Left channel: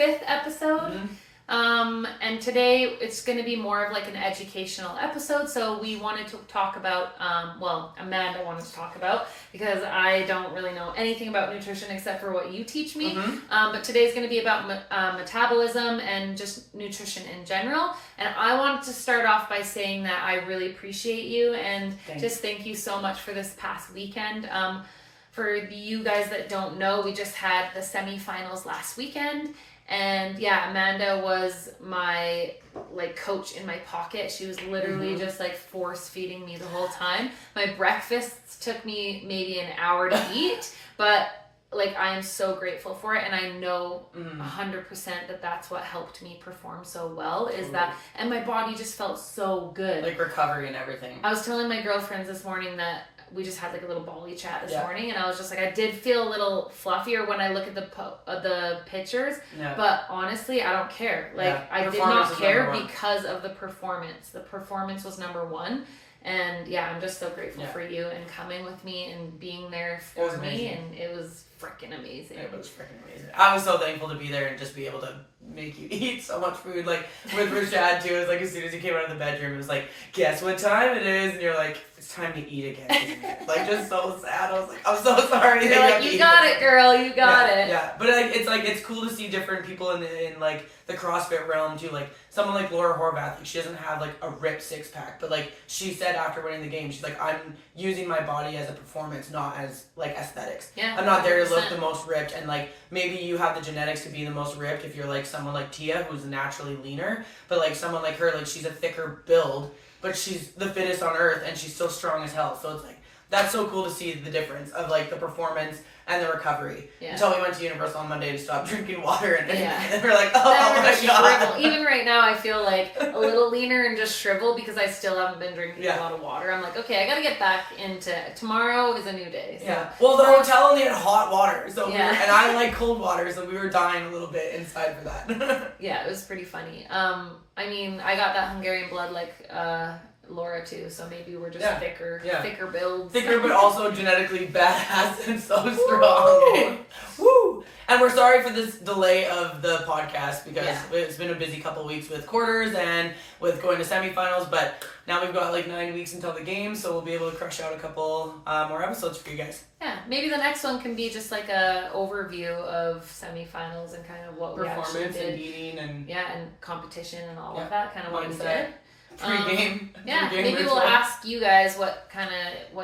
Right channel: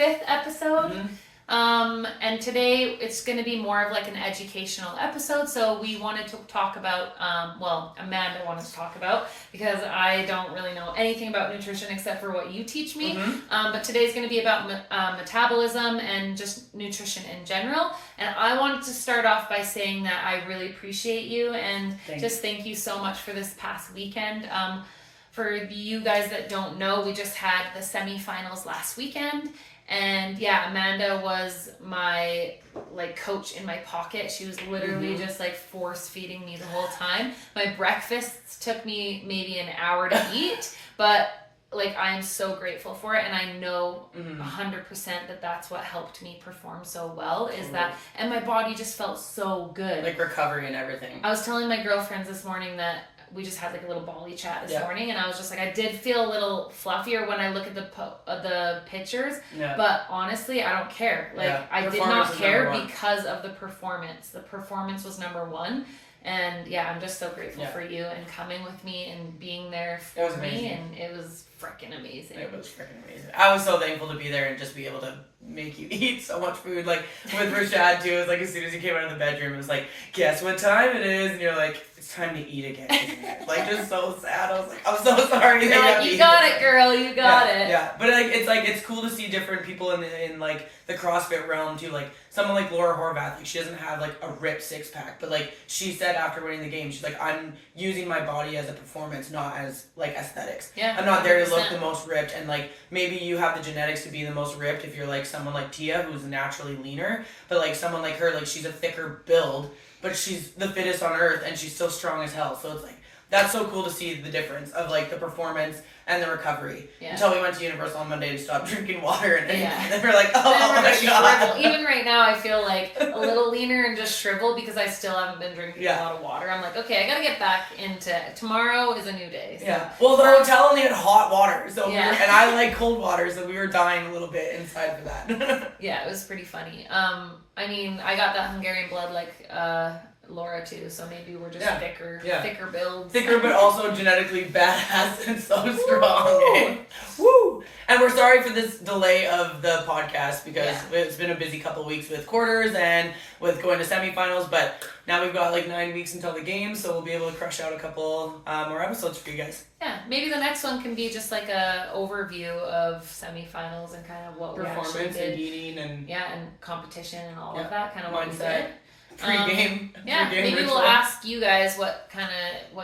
5th episode. And today it's going to be more of like an educational episode. So we wanted to talk about, Amanda wanted to talk about, because I don't really know anything about nutrition except for what you teach me. But today's going to be about metabolism and just nutrition in general. And I wanted to start off by saying that I really appreciate you and thank you so much for this past weekend. For you guys that don't know, we just had the semifinals last weekend. And yeah, Amanda was my coach in my pocket. She was literally just force feeding me the whole time. My breakfasts took me maybe an hour to eat, but I'm so grateful for it, and I know 100% that that's what helped me perform so well. And my body just felt so good. Recovery and everything. I was telling my girlfriends this morning that we just had a little bally chat this morning, and I was just I did feel a little fluffier when I look at the pictures, but honestly, I don't care. I did not care because of the performance. The performance was number one, and I'm just so grateful for you and coming with me and being there for me, and it was freaking amazing. It was freaking amazing. I was so thankful to be there and just be able to make you eat so much food. With Rashad too, it was as soon as you came out of the bedroom, it was guess what time it is? And you're it's time to eat again. Just so sad. I was I'm so sorry. You're you got it, girl. You got it. Yeah, but it's cool to see different people in the CrossFit realm too. Someone like Laura Horvath, she doesn't have a ripped six pack, but she said after winning the game, she's I'm using my body as a performance, not as aesthetics. Yeah, I'm not there to look the most ripped, and maybe you have the genetics to be the most ripped if you're someone like Tia, who's naturally leaner, but someone like her, she's a thicker build, but she's the fittest on earth, and she's so strong as hell. So it's that's so cool to see the difference of the performance and the recovery. Until we went to Universal on Monday to stop drinking water, and then we're oh my god. Even right now, I feel a little leaner and just shriveled because I still haven't been drinking a lot of water. I'm okay, I gotta get back into tomorrow is a new day. So. Well, the hotel only had hot water, so and I like cold water, so we were dying a little bit inside for that. It was pretty funny. I got that Hungarian blood Laura too, so maybe we're just thicker builds. Thicker, but also genetically badass and so strong. Eh? Woo! And we're sorry for this delay of the podcast because it's been a busy couple weeks with quarters and with going to semifinals, but now we've got 9 weeks until the game, so we'll be able to crush out a couple more episodes for you guys. Yeah, maybe the next one can be just a overview of semifinals and kind of what performance we actually did. And eating and and competition and all of that, kind of what we did. Pre-game. Maybe ritual. we'll ask you guys what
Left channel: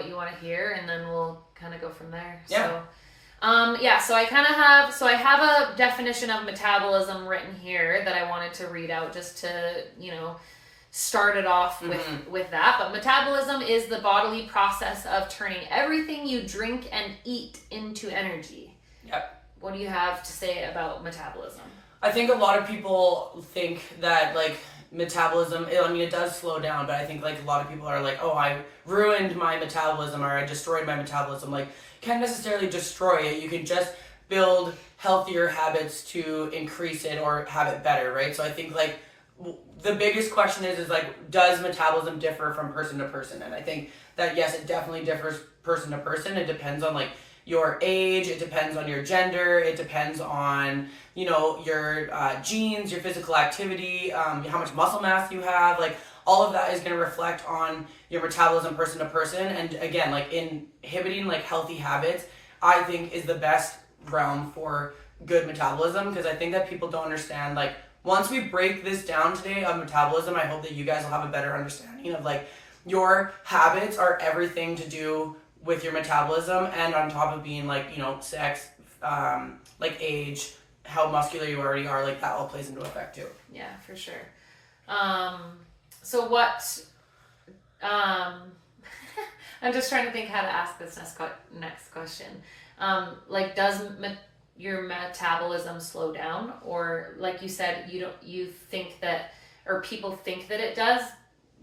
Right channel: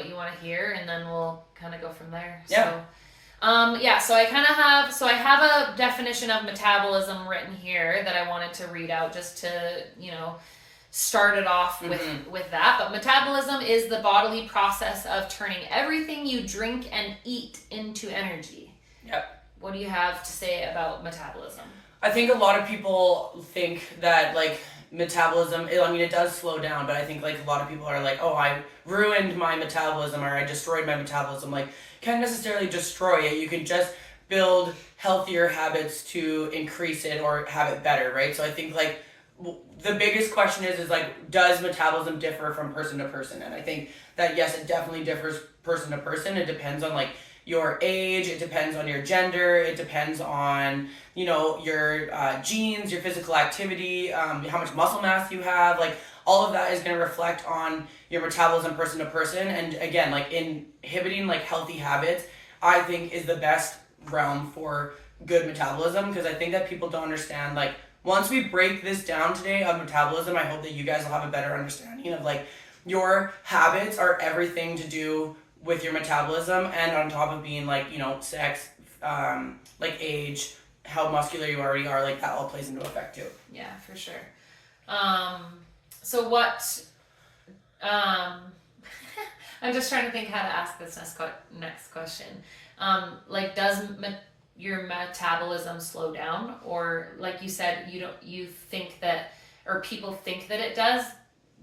you want to hear, and then we'll kind of go from there. Yeah. So I have a definition of metabolism written here that I wanted to read out just to start it off with that. But metabolism is the bodily process of turning everything you drink and eat into energy. Yep. What do you have to say about metabolism? I think a lot of people think that metabolism, it does slow down, but I think a lot of people are oh, I ruined my metabolism or I destroyed my metabolism. Can't necessarily destroy it. You can just build healthier habits to increase it or have it better, right? So I think the biggest question is does metabolism differ from person to person? And I think that yes, it definitely differs person to person. It depends on your age, it depends on your gender, it depends on your genes, your physical activity, how much muscle mass you have. All of that is going to reflect on your metabolism person to person. And again, inhibiting healthy habits, I think is the best realm for good metabolism, because I think that people don't understand once we break this down today of metabolism, I hope that you guys will have a better understanding of your habits are everything to do with your metabolism, and on top of being sex, age, how muscular you already are, that all plays into effect too. Yeah, for sure. So what I'm just trying to think how to ask this next question. Does your metabolism slow down, or like you said, you think that, or people think that it does?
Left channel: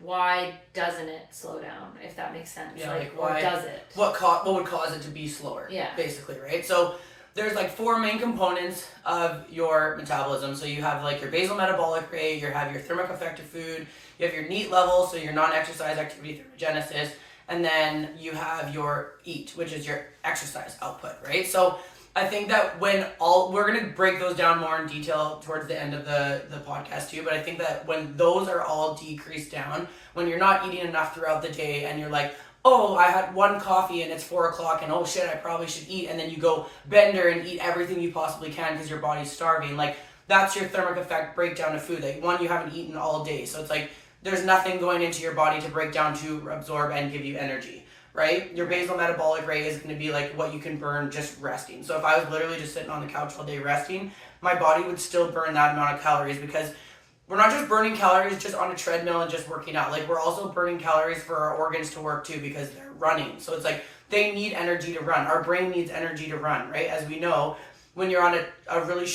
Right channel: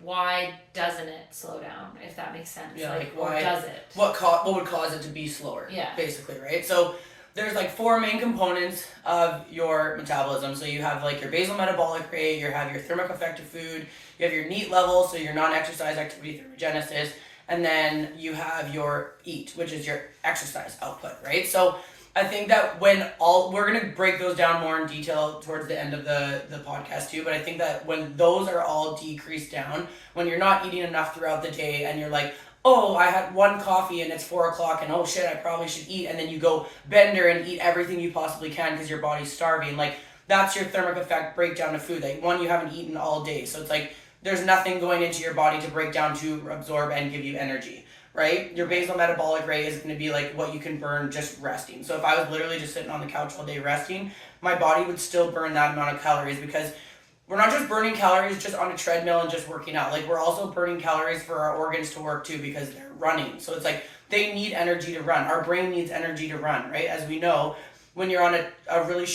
Why doesn't it slow down, if that makes sense? Yeah, why does it? What would cause it to be slower? Yeah. Basically, right? So there's 4 main components of your metabolism. So you have your basal metabolic rate, you have your thermic effective food, you have your NEAT level, so your non-exercise activity thermogenesis, and then you have your EAT, which is your exercise output, right? So I think that we're gonna break those down more in detail towards the end of the podcast too, but I think that when those are all decreased down, when you're not eating enough throughout the day and you're like, oh, I had one coffee and it's 4 o'clock and oh shit, I probably should eat, and then you go bender and eat everything you possibly can because your body's starving, like that's your thermic effect breakdown of food. Like one, you haven't eaten all day, so it's like there's nothing going into your body to break down to absorb and give you energy. Right? Your basal metabolic rate is going to be like what you can burn just resting. So if I was literally just sitting on the couch all day resting, my body would still burn that amount of calories, because we're not just burning calories just on a treadmill and just working out. Like we're also burning calories for our organs to work too, because they're running. So it's like they need energy to run. Our brain needs energy to run, right? As we know, when you're on a really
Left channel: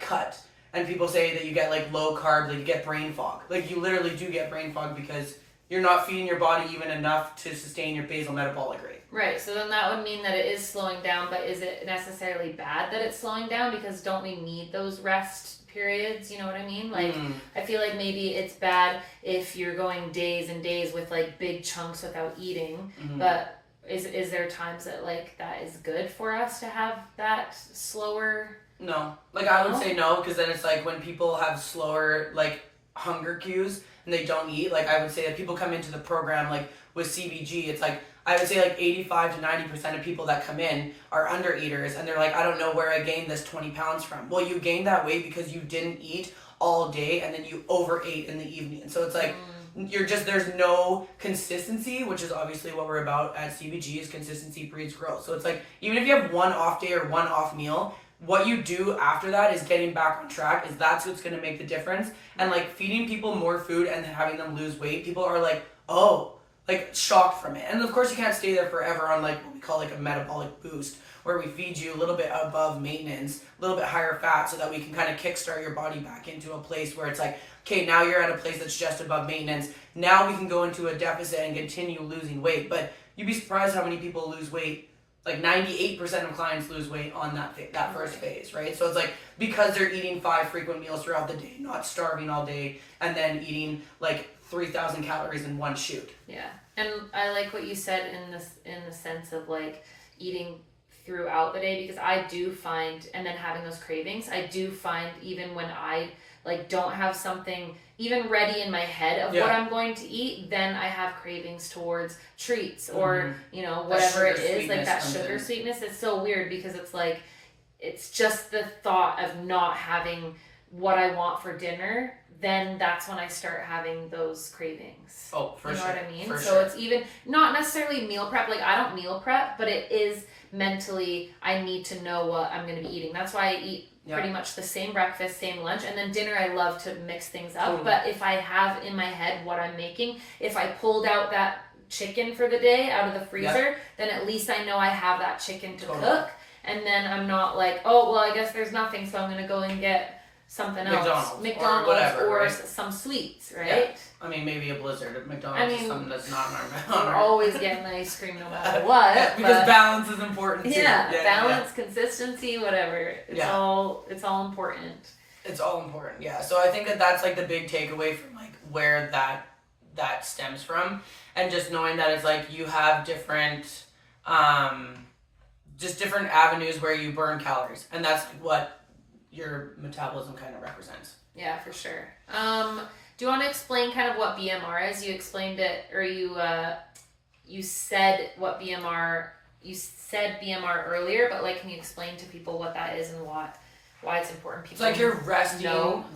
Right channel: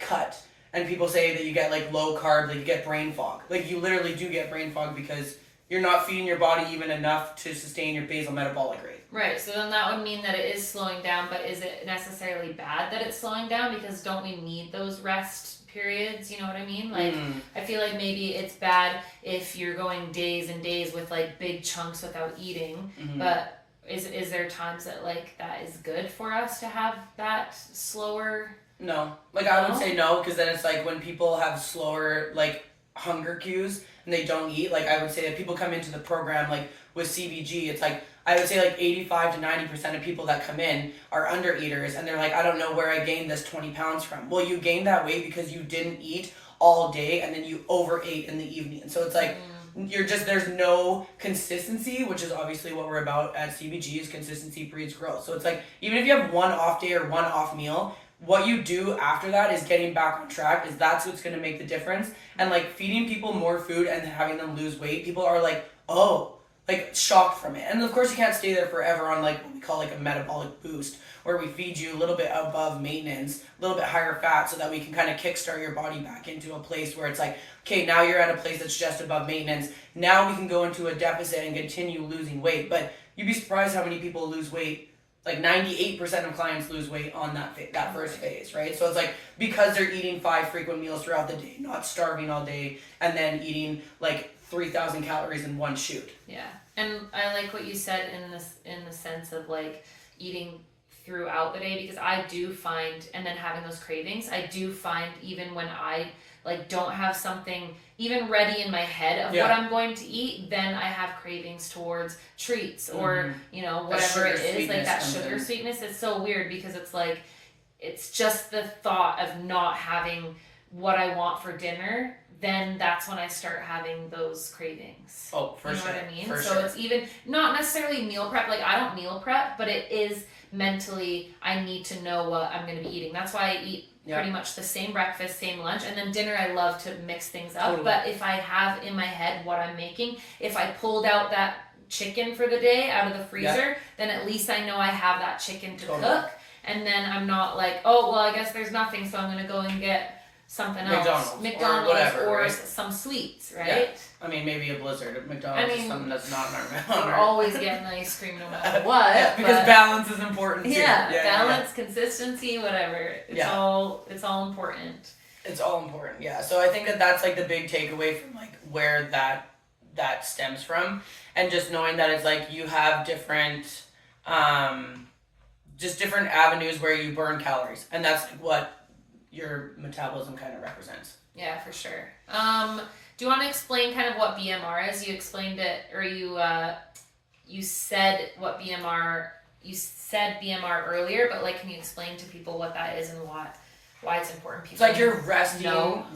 cut, and people say that you get like low carb, like you get brain fog. Like you literally do get brain fog because you're not feeding your body even enough to sustain your basal metabolic rate. Right, so then that would mean that it is slowing down, but is it necessarily bad that it's slowing down? Because don't we need those rest periods, you know what I mean? Like, I feel like maybe it's bad if you're going days and days with like big chunks without eating, but is there times that like that is good for us to have that slower? No. Like I would say no, because then it's like when people have slower like hunger cues and they don't eat, like I would say that people come into the program like with CBG, it's like I would say like 85 to 90% of people that come in are under eaters, and they're like, I don't know where I gained this 20 pounds from. Well, you gained that weight because you didn't eat all day and then you overate in the evening. So it's like there's no consistency, which is obviously what we're about at CBG, is consistency breeds growth. So it's like even if you have one off day or one off meal, what you do after that is getting back on track. That's what's going to make the difference. And like feeding people more food and having them lose weight, people are like, oh, like shocked from it. And of course you can't stay there forever on like what we call like a metabolic boost, where we feed you a little bit above maintenance, a little bit higher fat, so that we can kind of kickstart your body back into a place where it's like, okay, now you're at a place that's just above maintenance. Now we can go into a deficit and continue losing weight. But you'd be surprised how many people lose weight. Like 98% of clients lose weight on that first phase, right? So it's like because they're eating 5 frequent meals throughout the day, not starving all day, and then eating like 3,000 calories in one shoot. Yeah, and I like what you said in the sense of like eating throughout the day, because I do find, and then having those cravings, I do find even when I like don't have something even ready in my head of what I'm going to eat, then I have cravings towards treats or you know whatever it is, like that sugar sweetness. It's so weird because it's like it's just the thought of not having what I want for dinner, then that's when I start having those cravings. Oh, for sure. You know what I mean? For so it's even not necessarily meal prep. Like I don't meal prep, but it is mentally I need to know what I'm going to be eating. That's why I eat pretty much the same breakfast, same lunch, and then dinner I love to mix things up. Totally. But if I have in my head what I'm making, if I pulled out that chicken for the day out of the freezer, then at least I know I have that chicken to cook, and then I'm not like, oh well, I guess there's nothing, so I'm going to go and get something else, McDonald's or whatever, or right? Some sweets, right? Yeah. I mean, maybe a Blizzard at McDonald's is something that's not on our We're always getting ice cream no matter what. Because balance is important too. Yeah, balance, consistency, whatever. It's all important. It's all important, yeah. So I think that's like the big takeaway from like where that stems from, and just knowing that it's like you have different just different avenues where you burn calories, and that's what your metabolism kind of represents. Yeah, for sure. Do you want to explain kind of what BMR is? You explained it, or you said what BMR. You said BMR earlier, but like, can you explain to people what that is and why it's important? People it's like your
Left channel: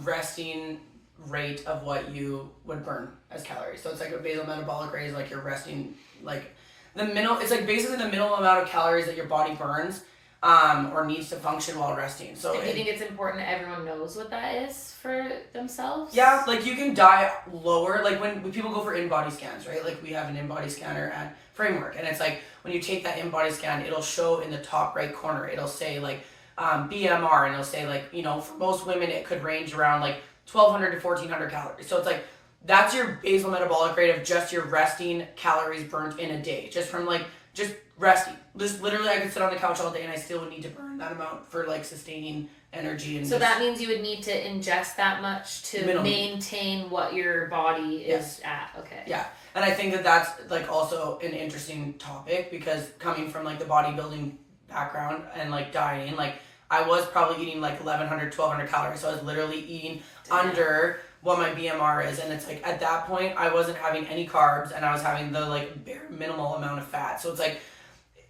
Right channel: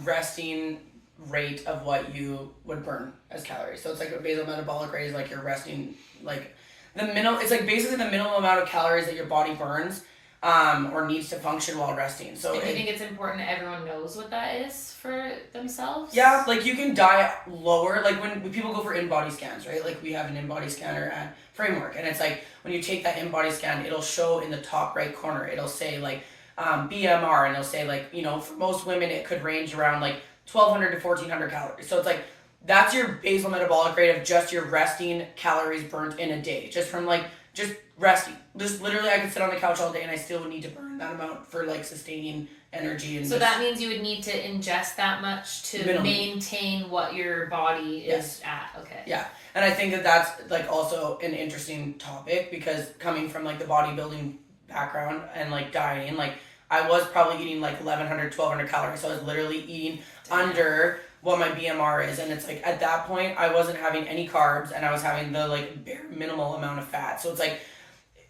resting rate of what you would burn as calories. So it's like a basal metabolic rate is like your resting, like the minimum. It's like basically the minimum amount of calories that your body burns. Or needs to function while resting. So do you think it's important that everyone knows what that is for themselves? Yeah, like you can die lower. Like when people go for in-body scans, right? Like we have an in-body scanner at Framework, and it's like when you take that in-body scan, it'll show in the top right corner, it'll say like BMR, and it'll say like, you know, for most women it could range around like 1,200 to 1,400 calories. So it's like that's your basal metabolic rate of just your resting calories burnt in a day, just from like just resting. This literally, I could sit on the couch all day and I still would need to burn that amount for like sustaining energy. And so that means you would need to ingest that much to maintain what your body is at. Okay. Yeah, and I think that's like also an interesting topic, because coming from like the bodybuilding background and like dieting, like I was probably eating like 1100, 1200 calories. So I was literally eating under what my BMR is. And it's like at that point, I wasn't having any carbs and I was having the like bare minimal amount of fat. So it's like,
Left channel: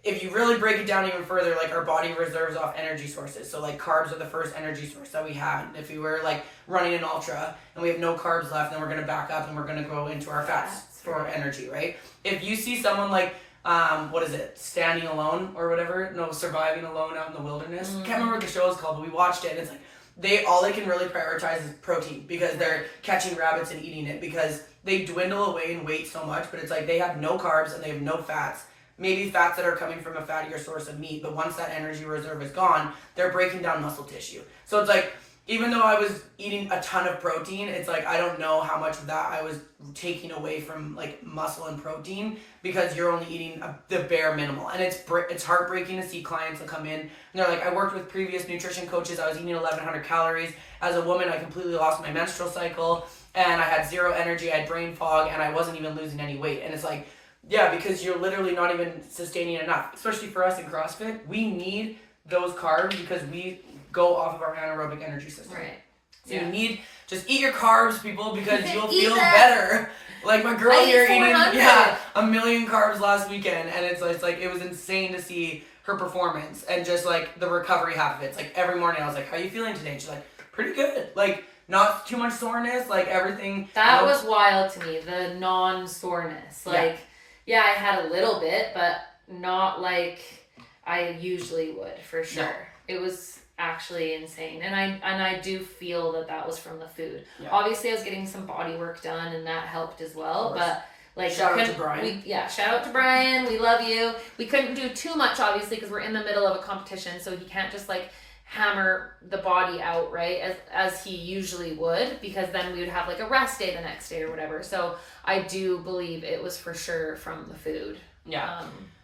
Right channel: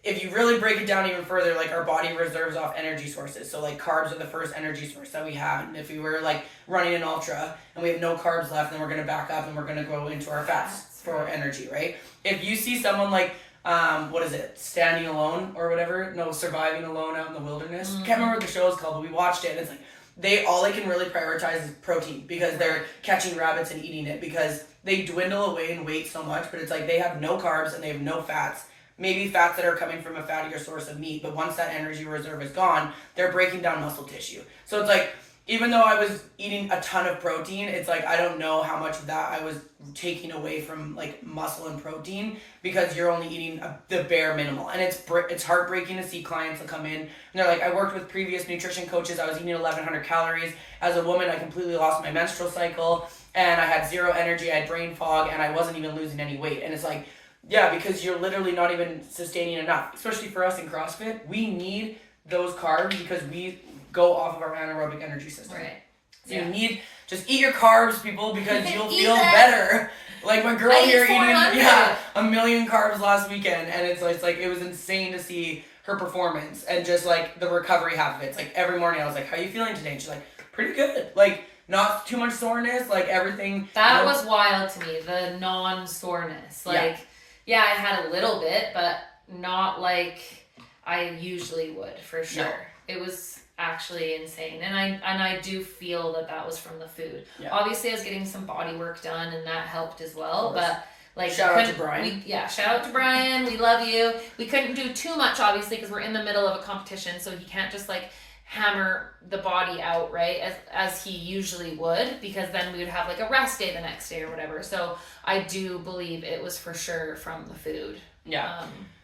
if you really break it down even further, like our body reserves off energy sources. So like carbs are the first energy source that we have. And if we were like running an ultra and we have no carbs left, then we're going to back up and we're going to go into our fats for energy, right? If you see someone like, what is it, Standing Alone or whatever, no, Surviving Alone out in the wilderness, can't remember what the show is called, but we watched it and it's like all they can really prioritize is protein because they're catching rabbits and eating it because they dwindle away in weight so much, but it's like they have no carbs and they have no fats. Maybe fats that are coming from a fattier source of meat, but once that energy reserve is gone, they're breaking down muscle tissue. So it's like, even though I was eating a ton of protein, it's like I don't know how much of that I was taking away from like muscle and protein because you're only eating the bare minimal. And it's heartbreaking to see clients that come in and they're like, I worked with previous nutrition coaches, I was eating 1100 calories. As a woman, I completely lost my menstrual cycle and I had zero energy, I had brain fog, and I wasn't even losing any weight. And it's like, yeah, because you're literally not even sustaining enough. Especially for us in CrossFit, we need those carbs because we go off of our anaerobic energy system. Right. So you need, just eat your carbs, people, because you'll feel better. Like my girl here eating 1,000,000 carbs last weekend, and it's like it was insane to see her performance and just like the recovery half of it. It's like every morning I was like, how are you feeling today? And she's like, pretty good. Like not too much soreness, like everything. That was wild to me, the non-soreness. Like, yeah, I had a little bit, but not like I usually would, for sure. No. It was actually insane, and I do feel that was from the food. Obviously I was getting some body work done and that helped as well, but like shout out to Brian. Shout out to Brian, we love you. We couldn't do too much obviously because we're in the middle of a competition, so he can't just like hammer the body out right as he usually would, because then we would have like a rest day the next day or whatever. So I do believe it was for sure from the food.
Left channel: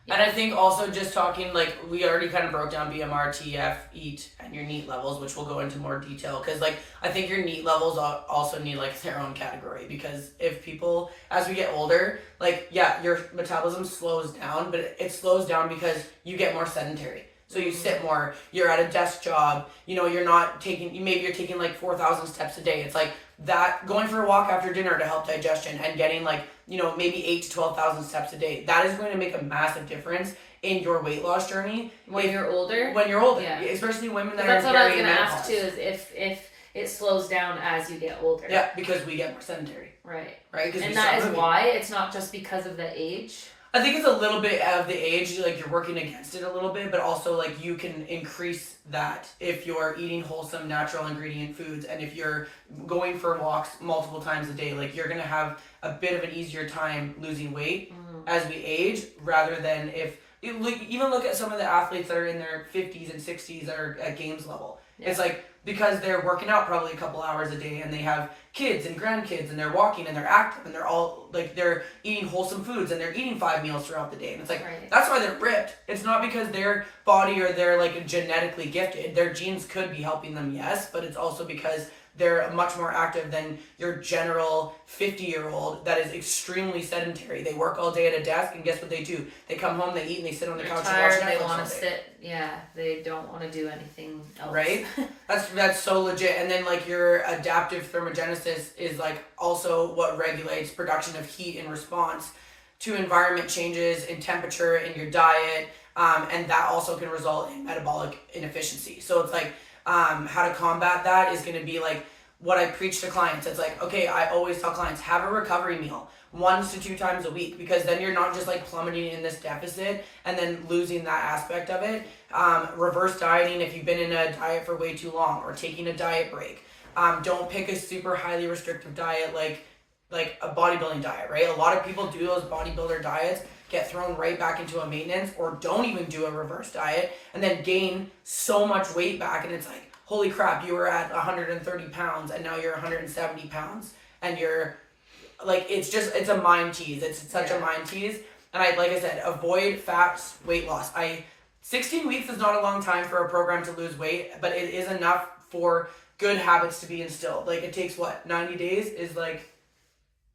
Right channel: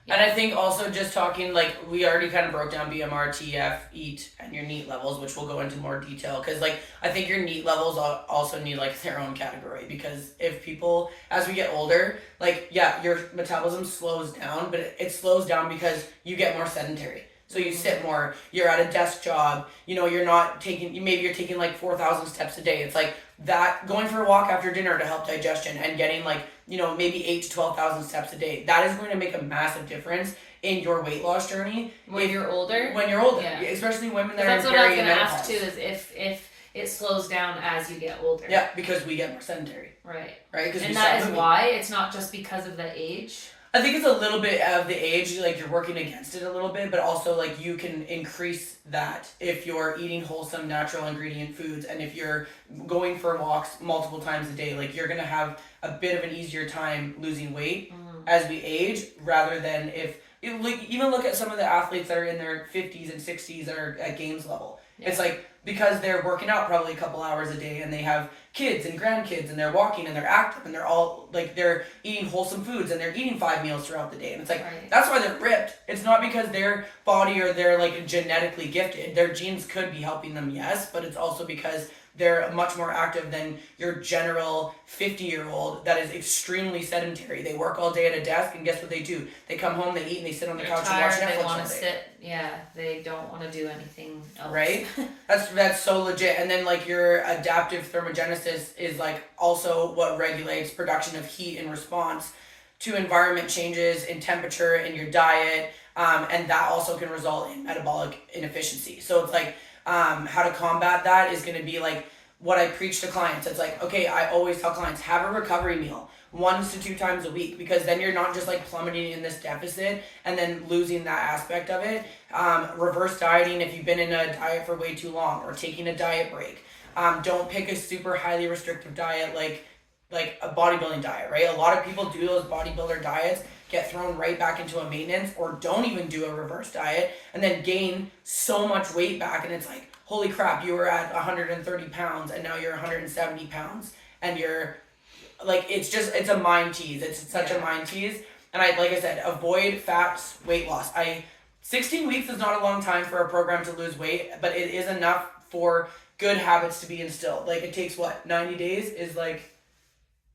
And I think also just talking, like, we already kind of broke down BMR, TF, EAT, and your NEAT levels, which we'll go into more detail. Because, like, I think your NEAT levels also need, like, their own category. Because if people, as we get older, like, your metabolism slows down, but it slows down because you get more sedentary. So you sit more, you're at a desk job, you're not taking, maybe you're taking, like, 4,000 steps a day. It's like that, going for a walk after dinner to help digestion and getting, like, maybe 8,000 to 12,000 steps a day. That is going to make a massive difference in your weight loss journey. When you're older? When you're older. Yeah. Especially women that are in perimenopause. That's what I was going to ask too, is if it slows down as you get older. Yeah, because we get more sedentary. Right. Right? And that is why it's not just because of the age? I think it's a little bit of the age, like you're working against it a little bit, but also like you can increase that if you're eating wholesome, natural ingredient foods, and if you're going for walks multiple times a day, like you're gonna have a bit of an easier time losing weight as we age, rather than if even look at some of the athletes that are in their 50s and 60s that are at games level. Yeah. It's like because they're working out probably a couple hours a day and they have kids and grandkids and they're walking and they're active and they're all like they're eating wholesome foods and they're eating 5 meals throughout the day, and it's like that's why they're ripped. It's not because their body or they're like genetically gifted. Their genes could be helping them, yes, but it's also because they're much more active than your general 50-year-old that is extremely sedentary. They work all day at a desk, and guess what they do? They come home, they eat, and they sit on the couch and watch Netflix all day. They want to sit. Yeah, they don't want to do anything else. Right? That's so legit. And then like your adaptive thermogenesis is like also what regulates production of heat in response to environment changes in temperature in your diet, and that also can result in metabolic inefficiency. So it's like how to combat that is going to be like what I preach to clients. It's like, okay, I always tell clients, have a recovery meal 1 to 2 times a week, because then you're not just like plummeting in this deficit and then losing that aspect of it. Reverse dieting if you've been in a diet for way too long, or taking a diet break. Don't pick a super highly restrictive diet like a bodybuilding diet, right? A lot of people do those bodybuilder diets, get thrown right back into a maintenance, or don't even do a reverse diet, and then gain so much weight back, and it's like, holy crap, you were at 130 pounds and now you're 170 pounds, and you're like, it's a mind tease. It's such a mind tease. And like I said, avoid fats, weight loss. 16 weeks is not a long time for a program to lose weight, but it is enough for good habits to be instilled. Like it takes 90 days is like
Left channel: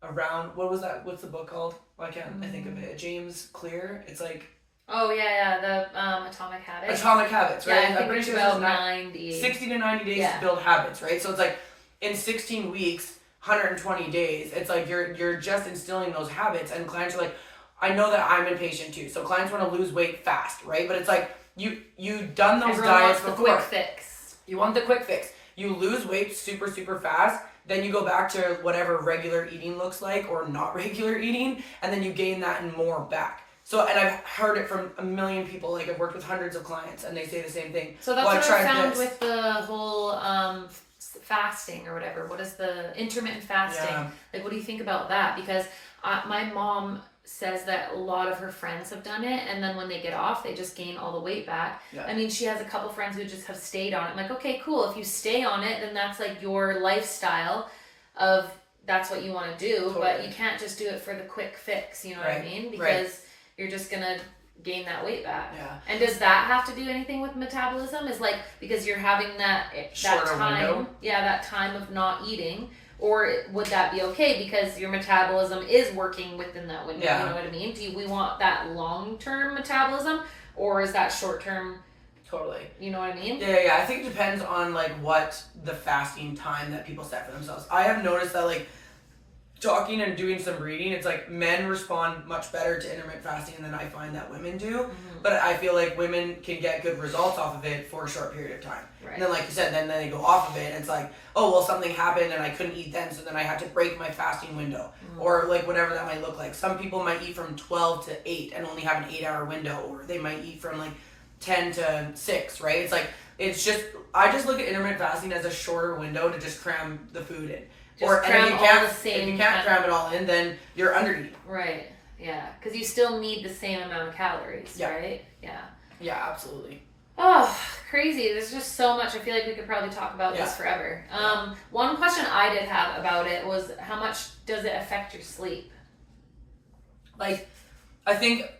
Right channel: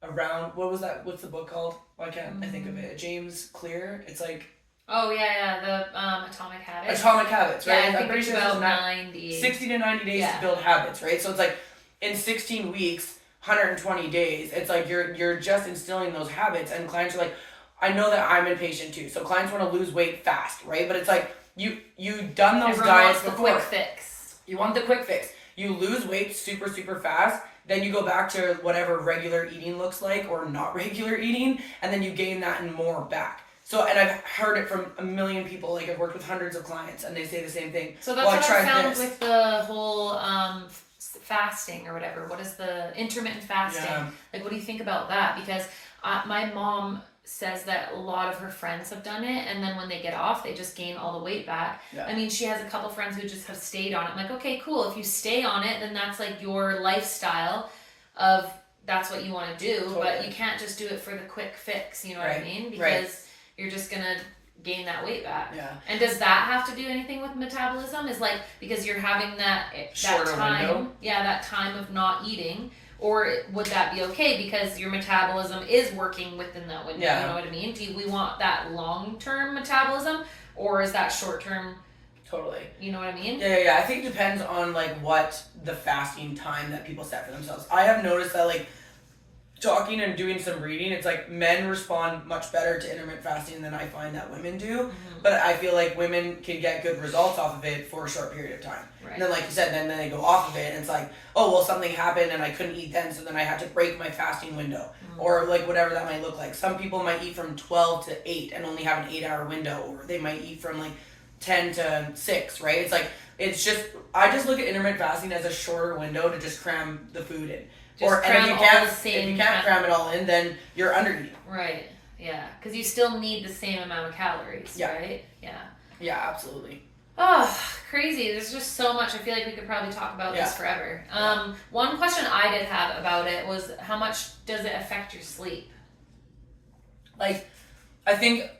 around, what was that? What's the book called? Why can't I think of it? James Clear. It's like, Oh yeah, the Atomic Habits. Atomic Habits, Yeah, right? I think I'm pretty it's sure about this is 90. 60 to 90 days to build habits, right? So it's like in 16 weeks, 120 days, it's like you're just instilling those habits, and clients are like, I know that I'm impatient too. So clients want to lose weight fast, right? But it's like you've done those Everyone diets wants the before. quick fix. You want the quick fix. You lose weight super fast, then you go back to whatever regular eating looks like or not regular eating, and then you gain that and more back. So, and I've heard it from a million people. Like, I've worked with hundreds of clients, and they say the same thing. So that's well, what I found with the whole fasting or whatever. What is the intermittent fasting? Yeah. Like, what do you think about that? Because my mom says that a lot of her friends have done it, and then when they get off, they just gain all the weight back. Yeah. I mean, she has a couple friends who just have stayed on it. I'm like, okay, cool. If you stay on it, then that's like your lifestyle of that's what you want to do. Totally. But you can't just do it for the quick fix. You know what I mean? Because Right. you're just gonna gain that weight back. Yeah. And does that have to do anything with metabolism? Is like because you're having that Shorter time, window? yeah, that time of not eating, or would that be okay because your metabolism is working within that window? Yeah. You know what I mean? We want that long-term metabolism, or is that short-term? Totally. You know what I mean? Yeah. I think it depends on like what the fasting time that people set for themselves. I have noticed that like talking and doing some reading, it's like men respond much better to intermittent fasting than I find that women do. Mm-hmm. But I feel like women can get good results off of it for a short period of time. Right. And then like you said, then they go off of it and it's like, oh well, something happened and I couldn't eat then, so then I had to break my fasting window. Mm-hmm. Or like whatever that might look like. Some people might eat from 12 to 8 and only have an 8-hour window, or they might eat from like 10 to 6, right? It's like, it's just, I just look at intermittent fasting as a shorter window to just cram the food in. And if you can't cram it all in, then you're under eating. Right. Yeah. Because you still need the same amount of calories. Yeah. Right. Yeah. Yeah, absolutely. Oh, crazy. There's just so much. I feel like we could probably talk about this forever. One question I did have about it was how much does it affect your sleep? Like, I think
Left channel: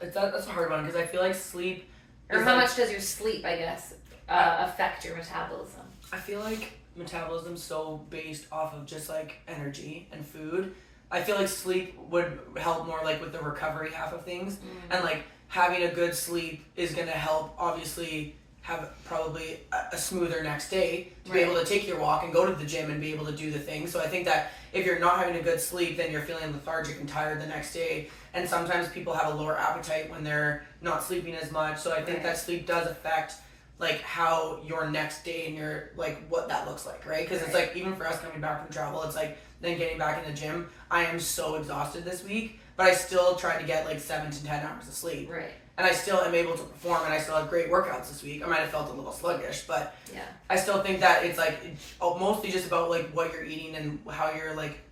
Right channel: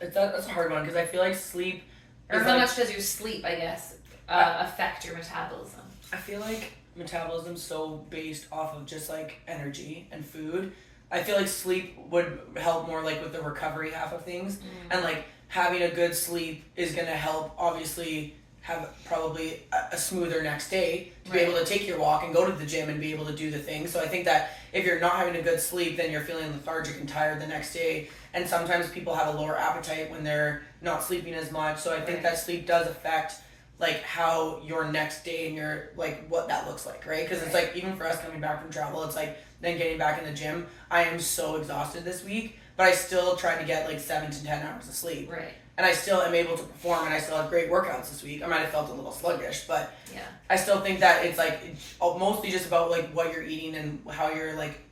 that's a hard one because I feel like sleep. Or how much does your sleep, I guess, affect your metabolism? I feel like metabolism's so based off of just like energy and food. I feel like sleep would help more like with the recovery half of things, and like having a good sleep is gonna help obviously have probably a smoother next day to be able to take your walk and go to the gym and be able to do the things. So I think that if you're not having a good sleep, then you're feeling lethargic and tired the next day, and sometimes people have a lower appetite when they're not sleeping as much. So I think that sleep does affect like how your next day and your like what that looks like, right? Because it's like even for us coming back from travel, it's like then getting back in the gym, I am so exhausted this week, but I still try to get like 7 to 10 hours of sleep. Right. And I still am able to perform, and I still have great workouts this week. I might have felt a little sluggish, but yeah, I still think that it's like mostly just about like what you're eating and how you're like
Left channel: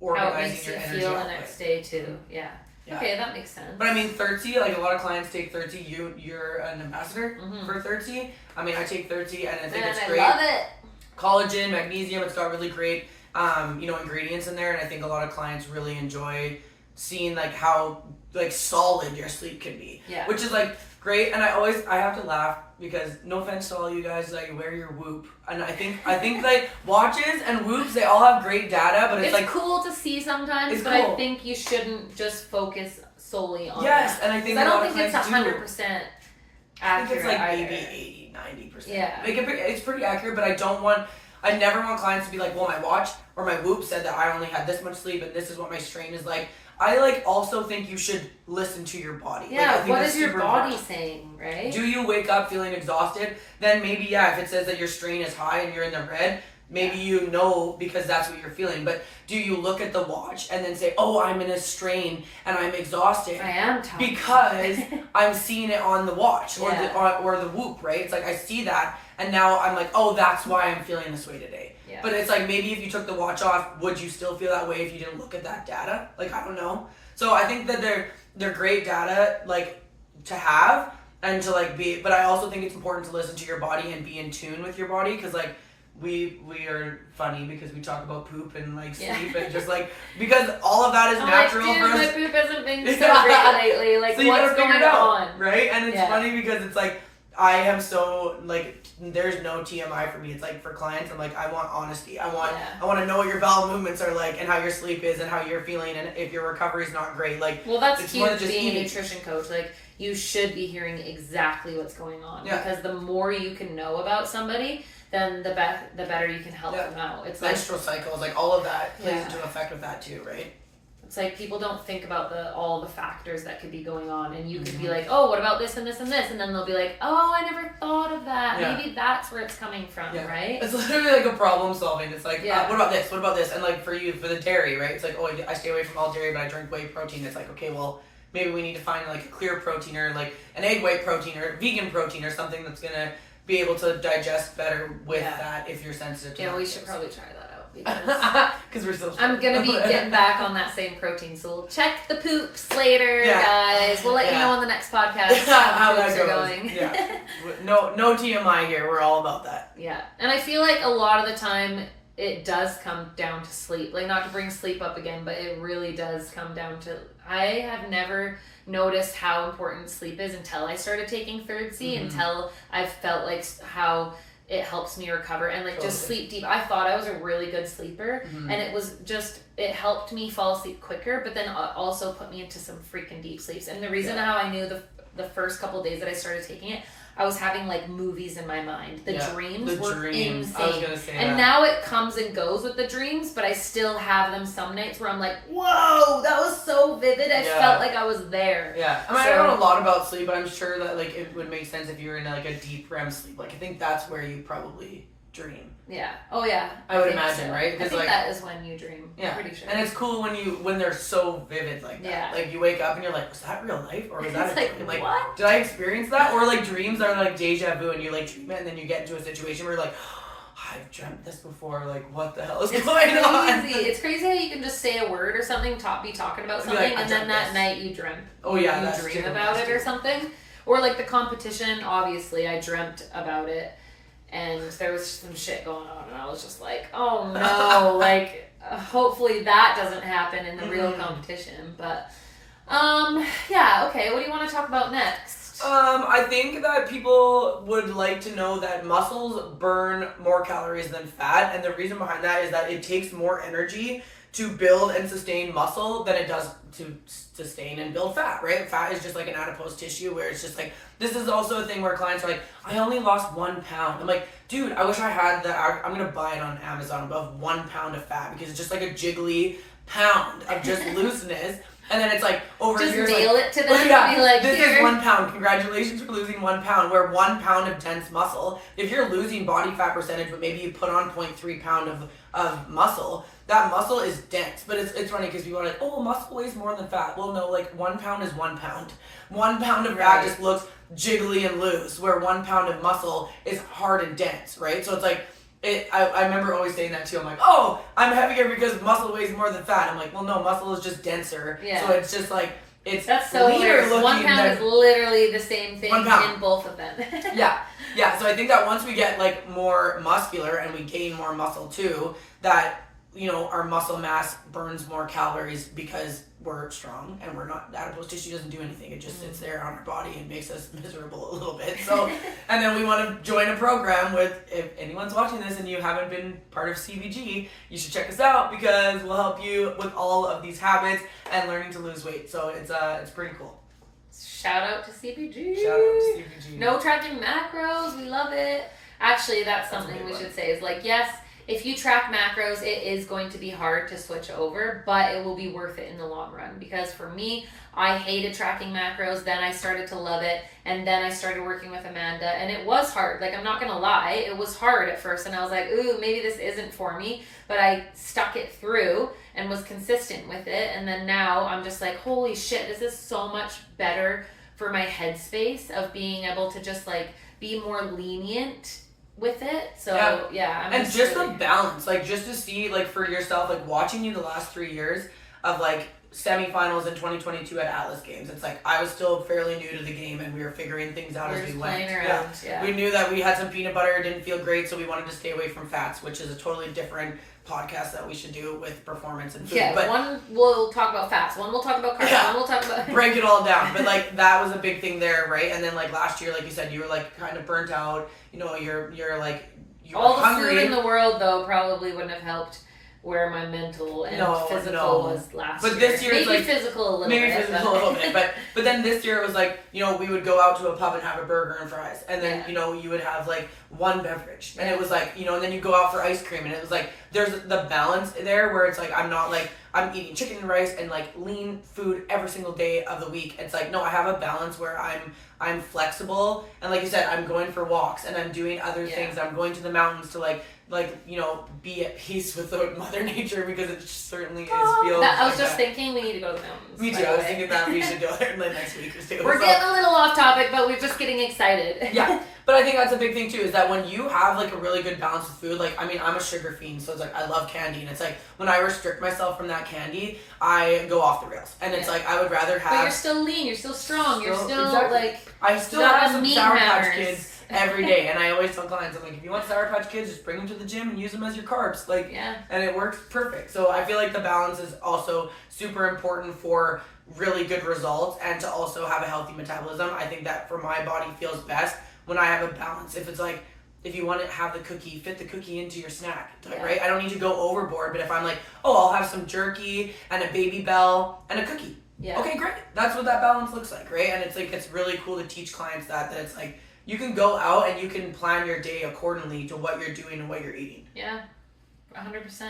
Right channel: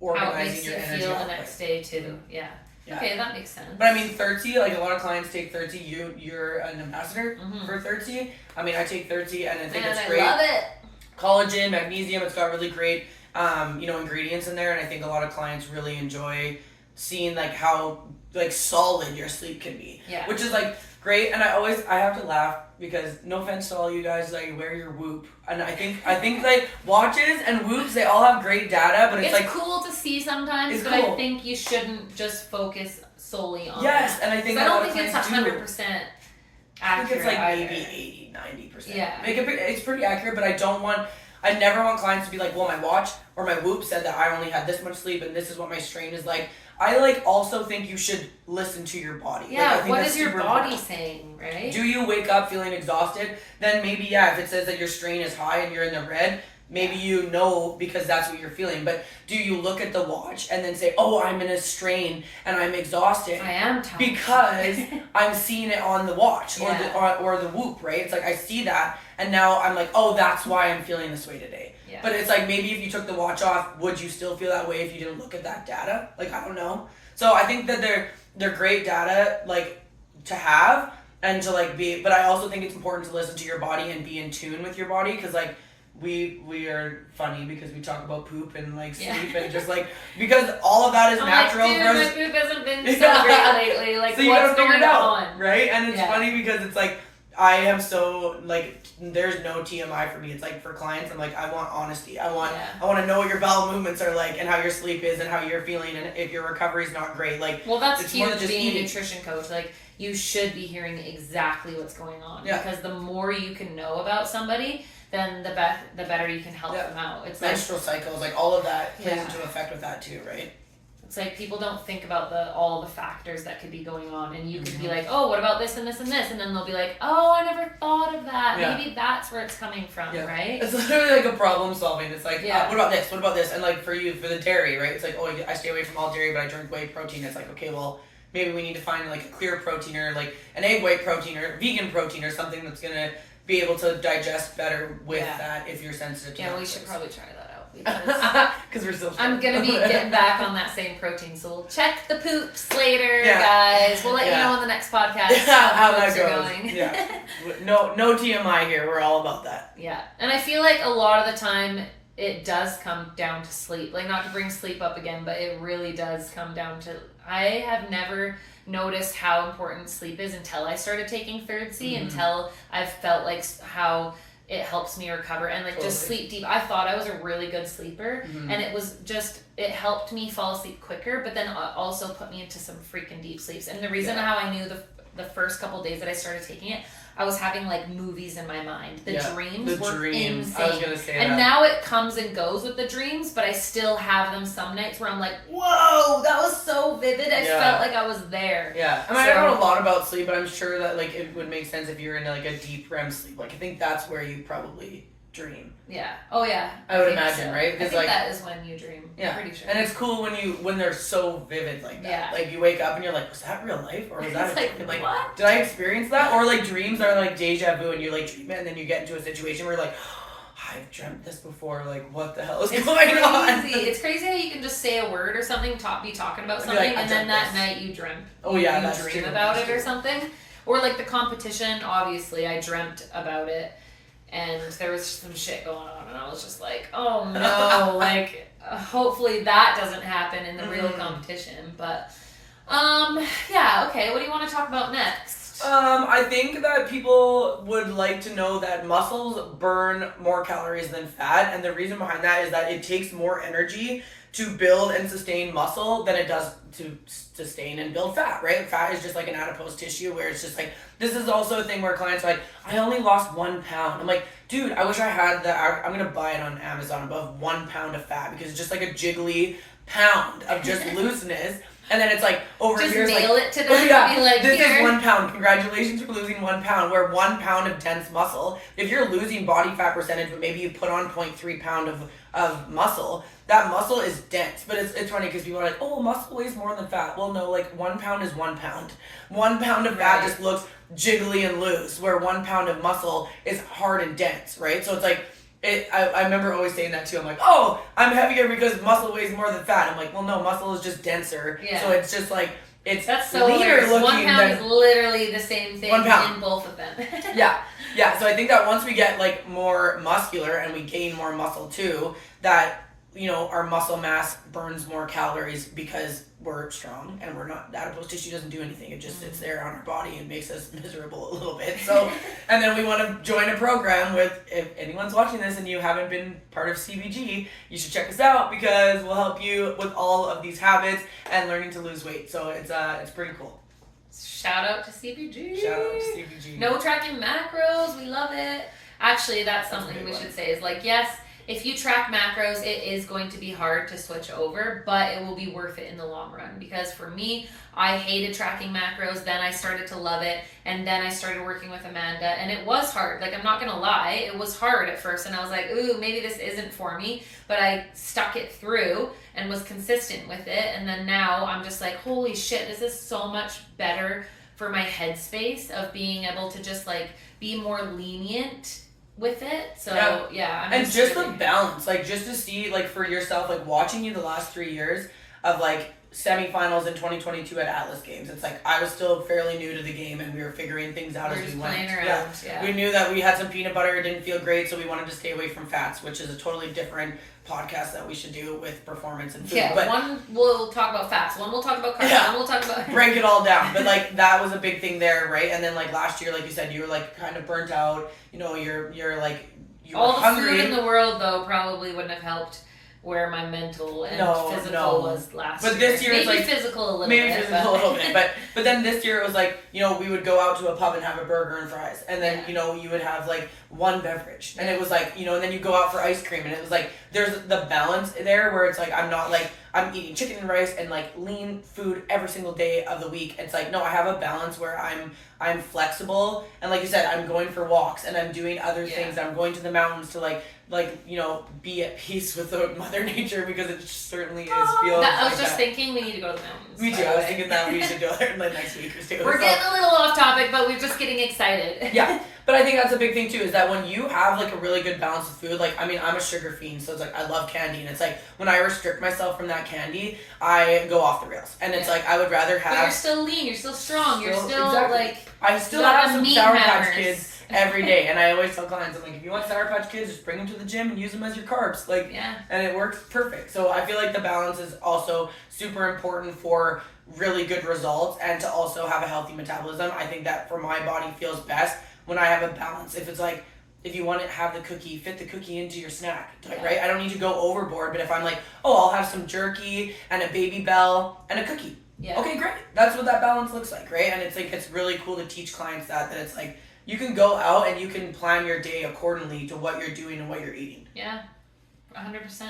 organizing your energy. How it makes you feel the next day too. Yeah. Yeah. Okay, that makes sense. But I mean, 30, like a lot of clients take 30. You're an ambassador for 30. I mean, I take 30, and I think it's great. I love it. Collagen, magnesium, it's got really great, ingredients in there, and I think a lot of clients really enjoy seeing like how like solid your sleep can be. Yeah. Which is like great, and I have to laugh because no offense to all you guys that wear your Whoop, and I think like watches and Whoops, they all have great data, but it's like cool to see sometimes, but cool. I think you shouldn't just focus solely on that. And I think I a lot don't of think it's clients 100% accurate. I think it's like either. maybe 80-90%. Yeah. It's pretty accurate, but I never want clients to be like, well, my watch or my Whoop said that I only had this much sleep and this is what my strain is like. I like also think you should listen to your body. Yeah, like, I think what that's is your super body important. saying, right? Do you wake up feeling exhausted? Then maybe, if it says that your strain is high and you're in the red, maybe you know because that's what you're feeling. But do you look at the watch and then say, oh, I'm in a strain and I'm exhausted? I am tired. Because I'm seeing it on the watch or the Whoop, right? It's like I see that and now I'm like, oh, that's why I'm feeling this way today. Yeah. But it's like maybe if you took the watch off, would you still feel that way if you didn't look at that data? Like, I don't know. So I think that they're great data like to have and to like be, but I also think it's important to listen to your body and be in tune with your body, because like we are funny because we talk about poop and like sleep and just like because all of that is natural. Like, dude, for us. my poop hasn't been so great lately. Like, so you what's gotta figure going it out, on? right? And it's funny because it's like I am so like, there's no TMI for me. It's like for clients, I'm like, I want honesty. I want to know what your bowel movements are like and how your sleep is and how you're feeling and if your recovery is not great. Like, well, that's it's huge more than just being eating. a nutrition coach. Like, you should be hearing exactly what's going on because the more you can know about somebody, then the better you can help them out. It's menstrual cycles, like all of that plays Yeah. into effect with that too, right? It's like people don't think about all the factors that could be going on, and you could be like, oh, what about this and this and this, and then they'll be like, oh, I never thought of that. Yeah. Maybe that's where it's coming from, right? It's literally like a problem solving. It's like, Yeah. what about this? What about this? And like for you, for the dairy, right? It's like, oh, I stay away from all dairy, but I drink whey protein. It's like, okay, well, maybe we need to find like a clear protein or like an egg white protein or vegan protein or something that's gonna be able to digest better with that if you're sensitive to Yeah, we lactose. should probably try that out because we're still. I'm gonna be getting back on that same protein, so we'll check the poops later, guys. We'll let you know on the next podcast how that poops goes. are going. No TMI here. We're all about that. Yeah, and I feel like a lot of the time it does come down to sleep. Like, not to bring sleep up again, but it really does come down to. I have never noticed how important sleep is until I started taking Third C, until I've felt like how it helps me recover and like just sleep deep. I thought I was a really good sleeper, and it was just, it helped me fall asleep quicker, but then also put me into some freaking deep sleeps. And the reason how I knew the first couple days that I started taking it, I was having like movies in my mind. The dreams were insane. I was gonna say and now it comes and goes with the dreams, but I still have them some nights where I'm like, whoa, that was so vivid. I felt like I was there. Yeah. I mean, I don't know a lot about sleep, but I'm sure that like it would make sense if you're in like a deep REM sleep. Like, I think that's where you probably dream. Yeah. Oh yeah. I would imagine, so. right? I think like, that is when you dream. Yeah. I'm pretty sure. And it's cool when they're so vivid like that. Yeah. Like, you wake up and you're like, was that real life or was that a dream? Like, what? did I experience that? Or like dreams are like deja vu and you like dream it and then you get into a situation where you're like, I've dreamt this before. Like, what the hell is going on? It's crazy how you can just say a word or something, be talking about something, like, and then that night you dream. Oh yeah, you that's dream true. about That's it or true. something. Or like the competition, obviously I dreamt about it, and there was some shit going on, and I was just like, oh no, like hopefully that doesn't happen in the real competition. But yeah, okay. What do you want to talk about next? I think that people would like to know that muscles burn more calories than fat, and the reason behind that is that it takes more energy to build and sustain muscle than it does to sustain and build fat, right? Fat is just like an adipose tissue where it's just like, this is also a thing where clients are like, I only lost 1 pound. I'm like, dude, I wish I had that. I'm gonna buy it on Amazon above 1 pound of fat because it's just like a jiggly pound of just looseness. And then it's like over just years, nail like, it to them and be like, this here. is 1 pound. Congratulations for losing 1 pound. Where 1 pound of dense muscle, if you're losing body fat percentage, but maybe you put on 0.3 pound of muscle, that muscle is dense. But it's funny because people are like, oh, muscle weighs more than fat. Well, no, like 1 pound is 1 pound. 1 pound of fat just looks jiggly and loose, where 1 pound of muscle is hard and dense, right? So it's like, I remember always saying that too. I'm like, oh, I'm heavier because muscle weighs more than fat. I'm like, well, no, muscle is just denser. Yeah. So it's just like, That's so leaner hilarious. looking 1 pound is literally the same thing 1 pound. in both of them. Yeah. So I think that once we get like more muscular and we gain more muscle too, that, you know, our muscle mass burns more calories because we're strong and we're not, adipose tissue doesn't do anything. It just sits there on our body and makes us miserable a little bit. So, and then we want to join a program with, if anyone's watching this and you haven't been part of CBG, you should check us out because we'll help you with all of these habits and learning to lose weight. So it's pretty cool. Shout out to CBG. Shout out to CBG. No tracking macros. We love it. Actually, that's something we should say is like, yes, if you track macros, it is going to be hard to switch over, but it will be worth it in the long run. Because for me, I hated tracking macros. Then I started to love it. And then I started working with Amanda. And it was hard. Like, I'm not going to lie. It was hard at first. And I was like, ooh, maybe this isn't for me. But I stuck it through and was consistent with it. And then now I'm just like, holy shit, this is so much better for my headspace of being able to just like be more lenient with it. So yeah, I'm and just really the balance, like just to see like for yourself, like watching you the last 3 years, of like semifinals in 2022 at Atlas Games. It's like I was still fairly new to the game and we were figuring things out as we went. Playing around. Yeah. We knew that we had some peanut butter, it didn't feel great, so we wanted to stay away from fats, which is a totally different podcast that we should do with performance and food. Yeah, but one we'll talk about fats, one we'll talk about carbs, one we'll talk about break it all down. But like that was a big thing there, right? And then like last year, like you said, you were like kind of burnt out. You know, you're like you all were the hungry. food in the world though probably wouldn't have helped where my mental and physical was last year. But this year maybe was like physical a little maybe bit. Physical a little bit. But then this year it was like, you know, we would go out to a pub and have a burger and fries. And then, you know, you would have like one beverage. And it was like, you know, and then you go out for ice cream and it was like there's the balance there where it's like I'm not like I'm eating chicken and rice and like lean food every single day of the week. It's like no, I have a balance where I'm flexible and like you said, I'm going for walks and I'm doing other things. I'm going to the mountains to like you know, be at peace with Mother Nature because it certainly is feels I was like just that. thinking we need to go to the mountains. Me too. I was thinking that we should go there like next week or two. We're getting a little off topic, but we're just getting excited. Yeah, but I think that's a big thing too. Is that when you have like a really good balance of food, like I mean, I'm a sugar fiend, so it's like I love candy, and it's like when I restrict myself from that candy, I go off the rails, and it's like I would rather have. But you're still lean. You're still strong. You're still exactly. like. I still have some Sour Patch Kids every day, and I always tell clients, I'm like, if you want Sour Patch Kids, just bring them to the gym and use them as your carbs, like, and it works perfect. So I feel like the balance is also super important for really good results and to also have a healthy metabolism. I think that for my body feels best when I have a balance. If it's like, if you want to have the cookie, fit the cookie into your snack, right? I don't need to go overboard, but if I'm like, oh, I'll have some jerky and a Baby Bell and a cookie. Yeah. Okay, great. That's what that balance looks like, right? And it's like, it's really cool to teach clients that it's like, you can go out and you can plan your day accordingly to what you're doing and what you're eating. Yeah, 100%.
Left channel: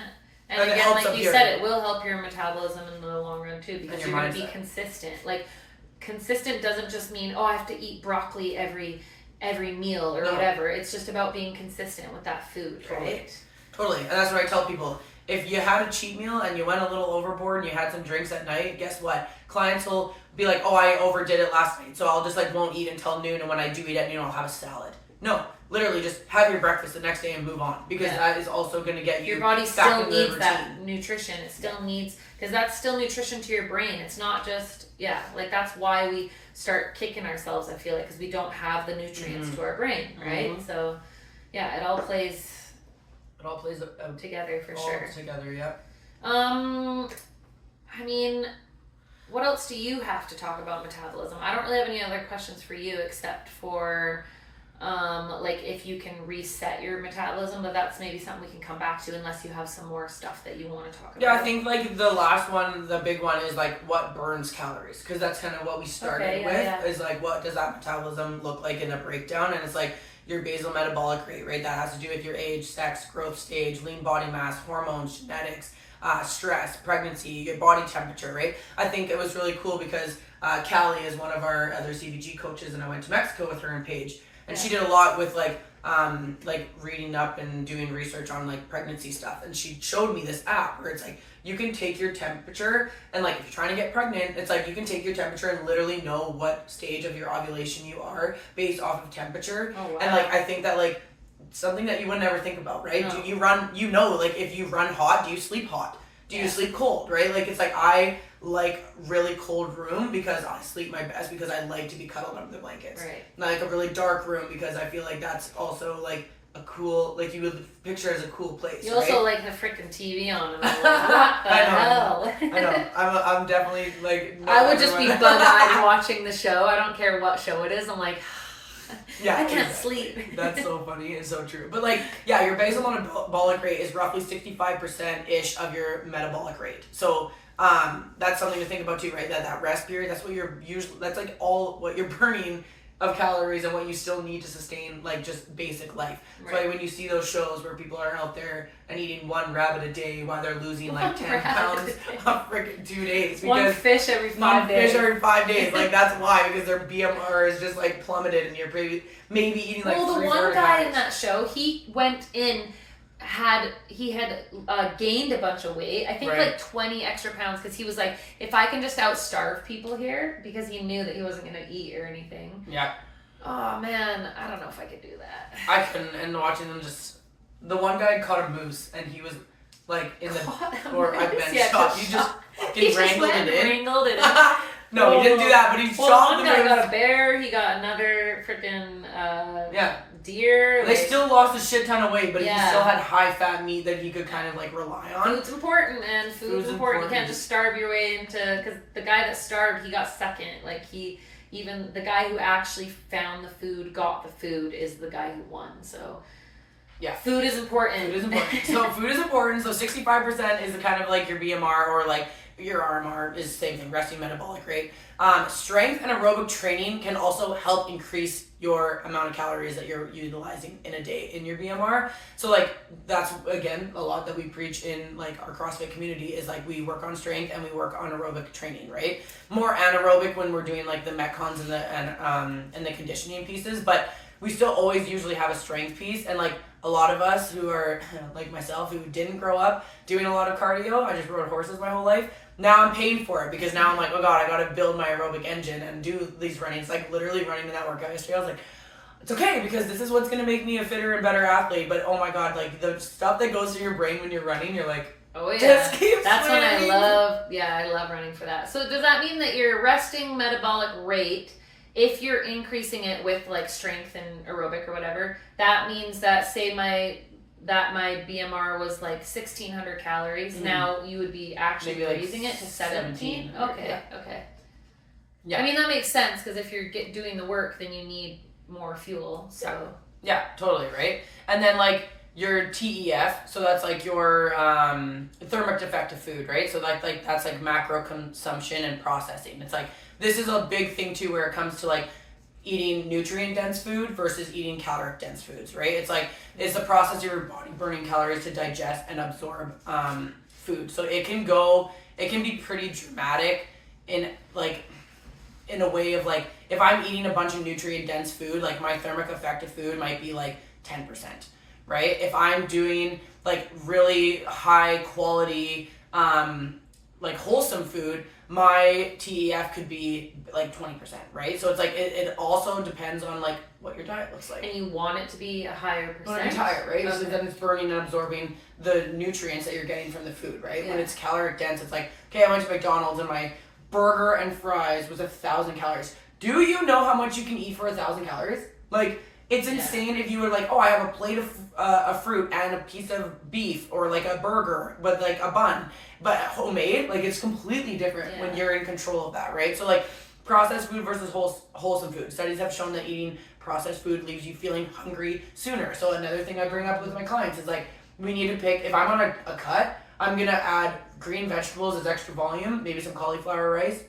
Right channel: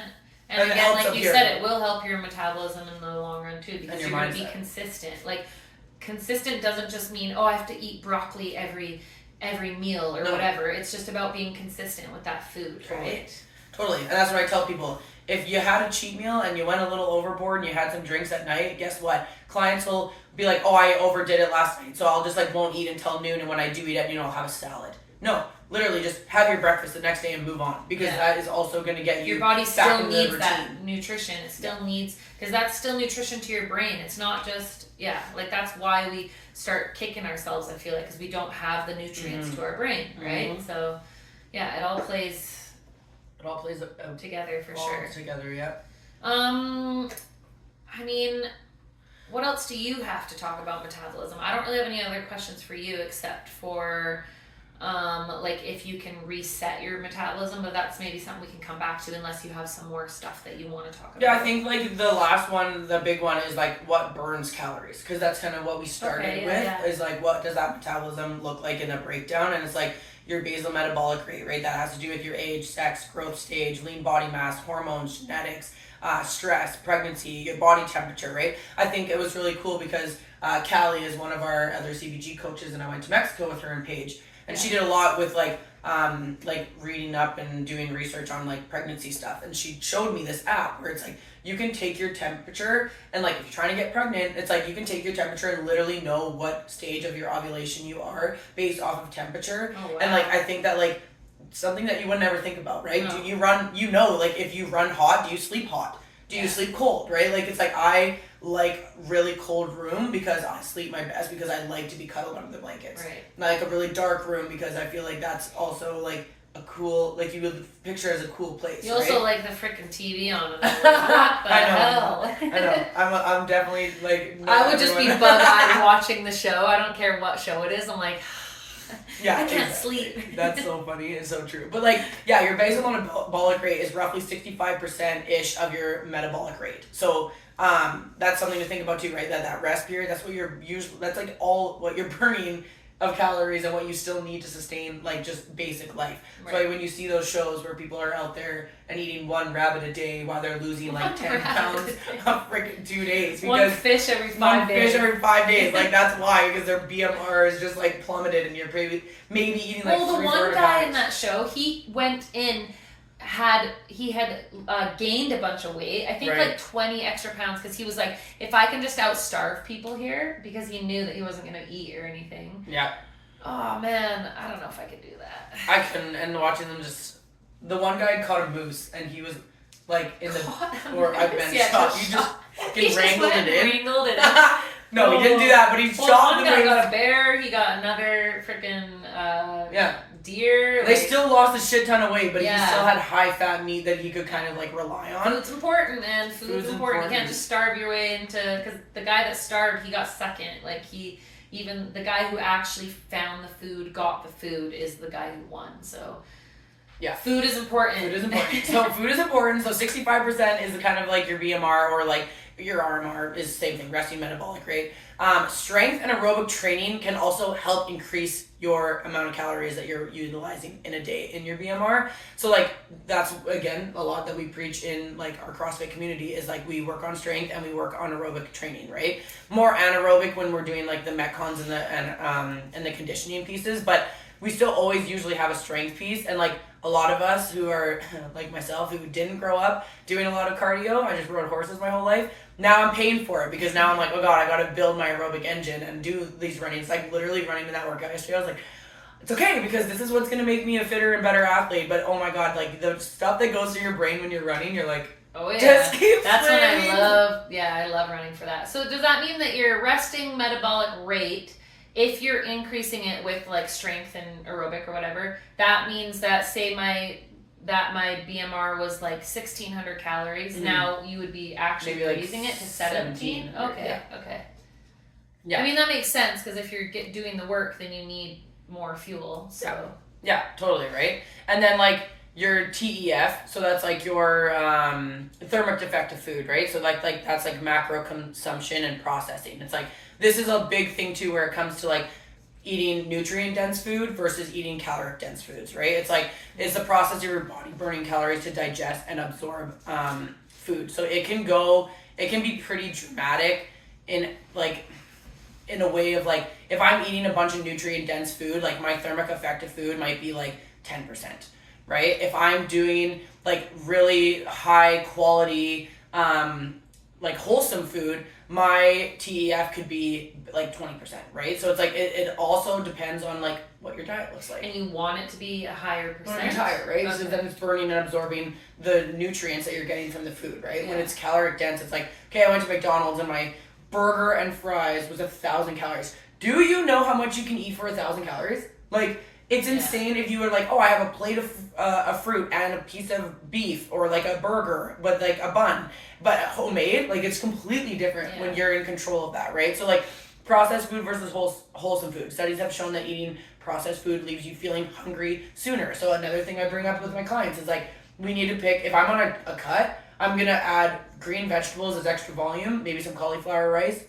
And again, like you said, it will help your metabolism in the long run too because you're going to be consistent. Like, consistent doesn't just mean, oh, I have to eat broccoli every meal or whatever. It's just about being consistent with that food, right? Totally. And that's what I tell people. If you had a cheat meal and you went a little overboard and you had some drinks at night, guess what? Clients will be like, oh, I overdid it last night, so I'll just like won't eat until noon, and when I do eat at noon, I'll have a salad. No, literally just have your breakfast the next day and move on because that is also going to get you your body back still into needs the that nutrition. It still needs, because that's still nutrition to your brain. It's not just, like that's why we start kicking ourselves, I feel like, because we don't have the nutrients to our brain, right? So, yeah, it all plays together for sure. Together, yeah. I mean, what else do you have to talk about metabolism? I don't really have any other questions for you except for like if you can reset your metabolism, but that's maybe something we can come back to unless you have some more stuff that you want to talk about. Yeah, I think like the last one, the big one is like what burns calories, because that's kind of what we started with is like what does that metabolism look like in a breakdown, and it's like your basal metabolic rate, right? That has to do with your age, sex, growth stage, lean body mass, hormones, genetics, stress, pregnancy, your body temperature, right? I think it was really cool because Callie is one of our other CBG coaches, and I went to Mexico with her and Paige, and she did a lot with like reading up and doing research on like pregnancy stuff, and she showed me this app where it's like you can take your temperature and like if you're trying to get pregnant, it's like you can take your temperature and literally know what stage of your ovulation you are based off of temperature. Oh, wow. And like I think that like something that you would never think about, right? No. Do you run, like if you run hot, do you sleep hot? Do you sleep cold, right? Like it's like I like really cold room because I sleep my best because I like to be cuddled under the blankets. Right. And I like a really dark room because I feel like that's also like a cool, like you would picture as a cool place. You also like the freaking TV on and I'm like, what the hell? I know. I'm definitely like. I would just be bug-eyed watching the show. I don't care what show it is. I'm like, I can't sleep. That's so funny and so true. But like, yeah, your basal metabolic rate is roughly 65%-ish of your metabolic rate. So that's something to think about too, right? That rest period, that's what you're usually, that's like all what you're burning of calories and what you still need to sustain like just basic life. Right. So like, when you see those shows where people are out there and eating one rabbit a day while they're losing like 10 pounds in freaking 2 days. One fish every 5 days. Like that's why, because their BMR is just like plummeted and you're maybe eating like the one guy in that show, he went in, he had gained a bunch of weight, I think like 20 extra pounds, because he was like, if I can just outstarve people here, because he knew that he wasn't going to eat or anything. Yeah. Oh man, I don't know if I could do that. I couldn't, and watching them just, the one guy caught a moose and he was like in the God, or I've been yeah, shot. just You just shot. fucking He just wrangled went it and in. wrangled it in. No, he didn't do that, but he Well, shot one the guy moose. got a bear. He got another freaking deer. They like, still lost a shit ton of weight, but he Yeah. still had high fat meat that he could kind of like rely on. Food's important, man. Food's important. You can't just starve your way into. Because the guy that starved, he got second. Like even the guy who actually found the food, got the food, is the guy who won. So. Yeah. Food is important. Food is important. So food is important. So 65% is kind of like your BMR or like your RMR is the same thing, resting metabolic rate. Strength and aerobic training can also help increase your amount of calories that you're utilizing in a day in your BMR. So like that's again a lot that we preach in like our CrossFit community is like we work on strength and we work on aerobic training, right? More anaerobic when we're doing like the metcons and the conditioning pieces, but we still always usually have a strength piece. And like a lot of us who are like myself who didn't grow up doing a lot of cardio, I just rode horses my whole life. Now I'm paying for it because now I'm like, oh God, I got to build my aerobic engine and do these runnings. Like literally running in that workout yesterday, I was like, it's okay because this is what's going to make me a fitter and better athlete. But oh my God, like the stuff that goes through your brain when you're running, you're like, oh yeah, just keep that's swimming. when I love running for that. So does that mean that your resting metabolic rate, if you're increasing it with like strength and aerobic or whatever, that means that say my BMR was like 1,600 calories. Mm-hmm. Now you would be actually Maybe like raising it to 17. Okay. Yeah. I mean that makes sense because if you're doing the work, then you need more fuel. So yeah, totally right. And then like your TEF, so that's like your thermic defective food, right? So like that's like macro consumption and processing. It's like this is a big thing too where it comes to like eating nutrient dense food versus eating caloric dense foods, right? It's like it's the process of your body burning calories to digest and absorb food. So it can be pretty dramatic in a way of like if I'm eating a bunch of nutrient dense food, like my thermic effective food might be like 10%, right? If I'm doing like really high quality like wholesome food, my TEF could be like 20%, right? So it's like it also depends on like what your diet looks like. And you want it to be a higher percent. Want it to be higher, right? Okay. So then it's burning and absorbing the nutrients that you're getting from the food, right? Yeah. When it's caloric dense, it's like, okay, I went to McDonald's and my burger and fries was 1,000 calories. Do you know how much you can eat for 1,000 calories? Like, it's insane if you were like, oh, I have a plate of fruit and a piece of beef or like a burger, but like a bun. But homemade, like it's completely different when you're in control of that, right? So like processed food versus wholesome food. Studies have shown that eating processed food leaves you feeling hungry sooner. So another thing I bring up with my clients is like, we need to pick, if I'm on a cut, I'm going to add green vegetables as extra volume, maybe some cauliflower rice.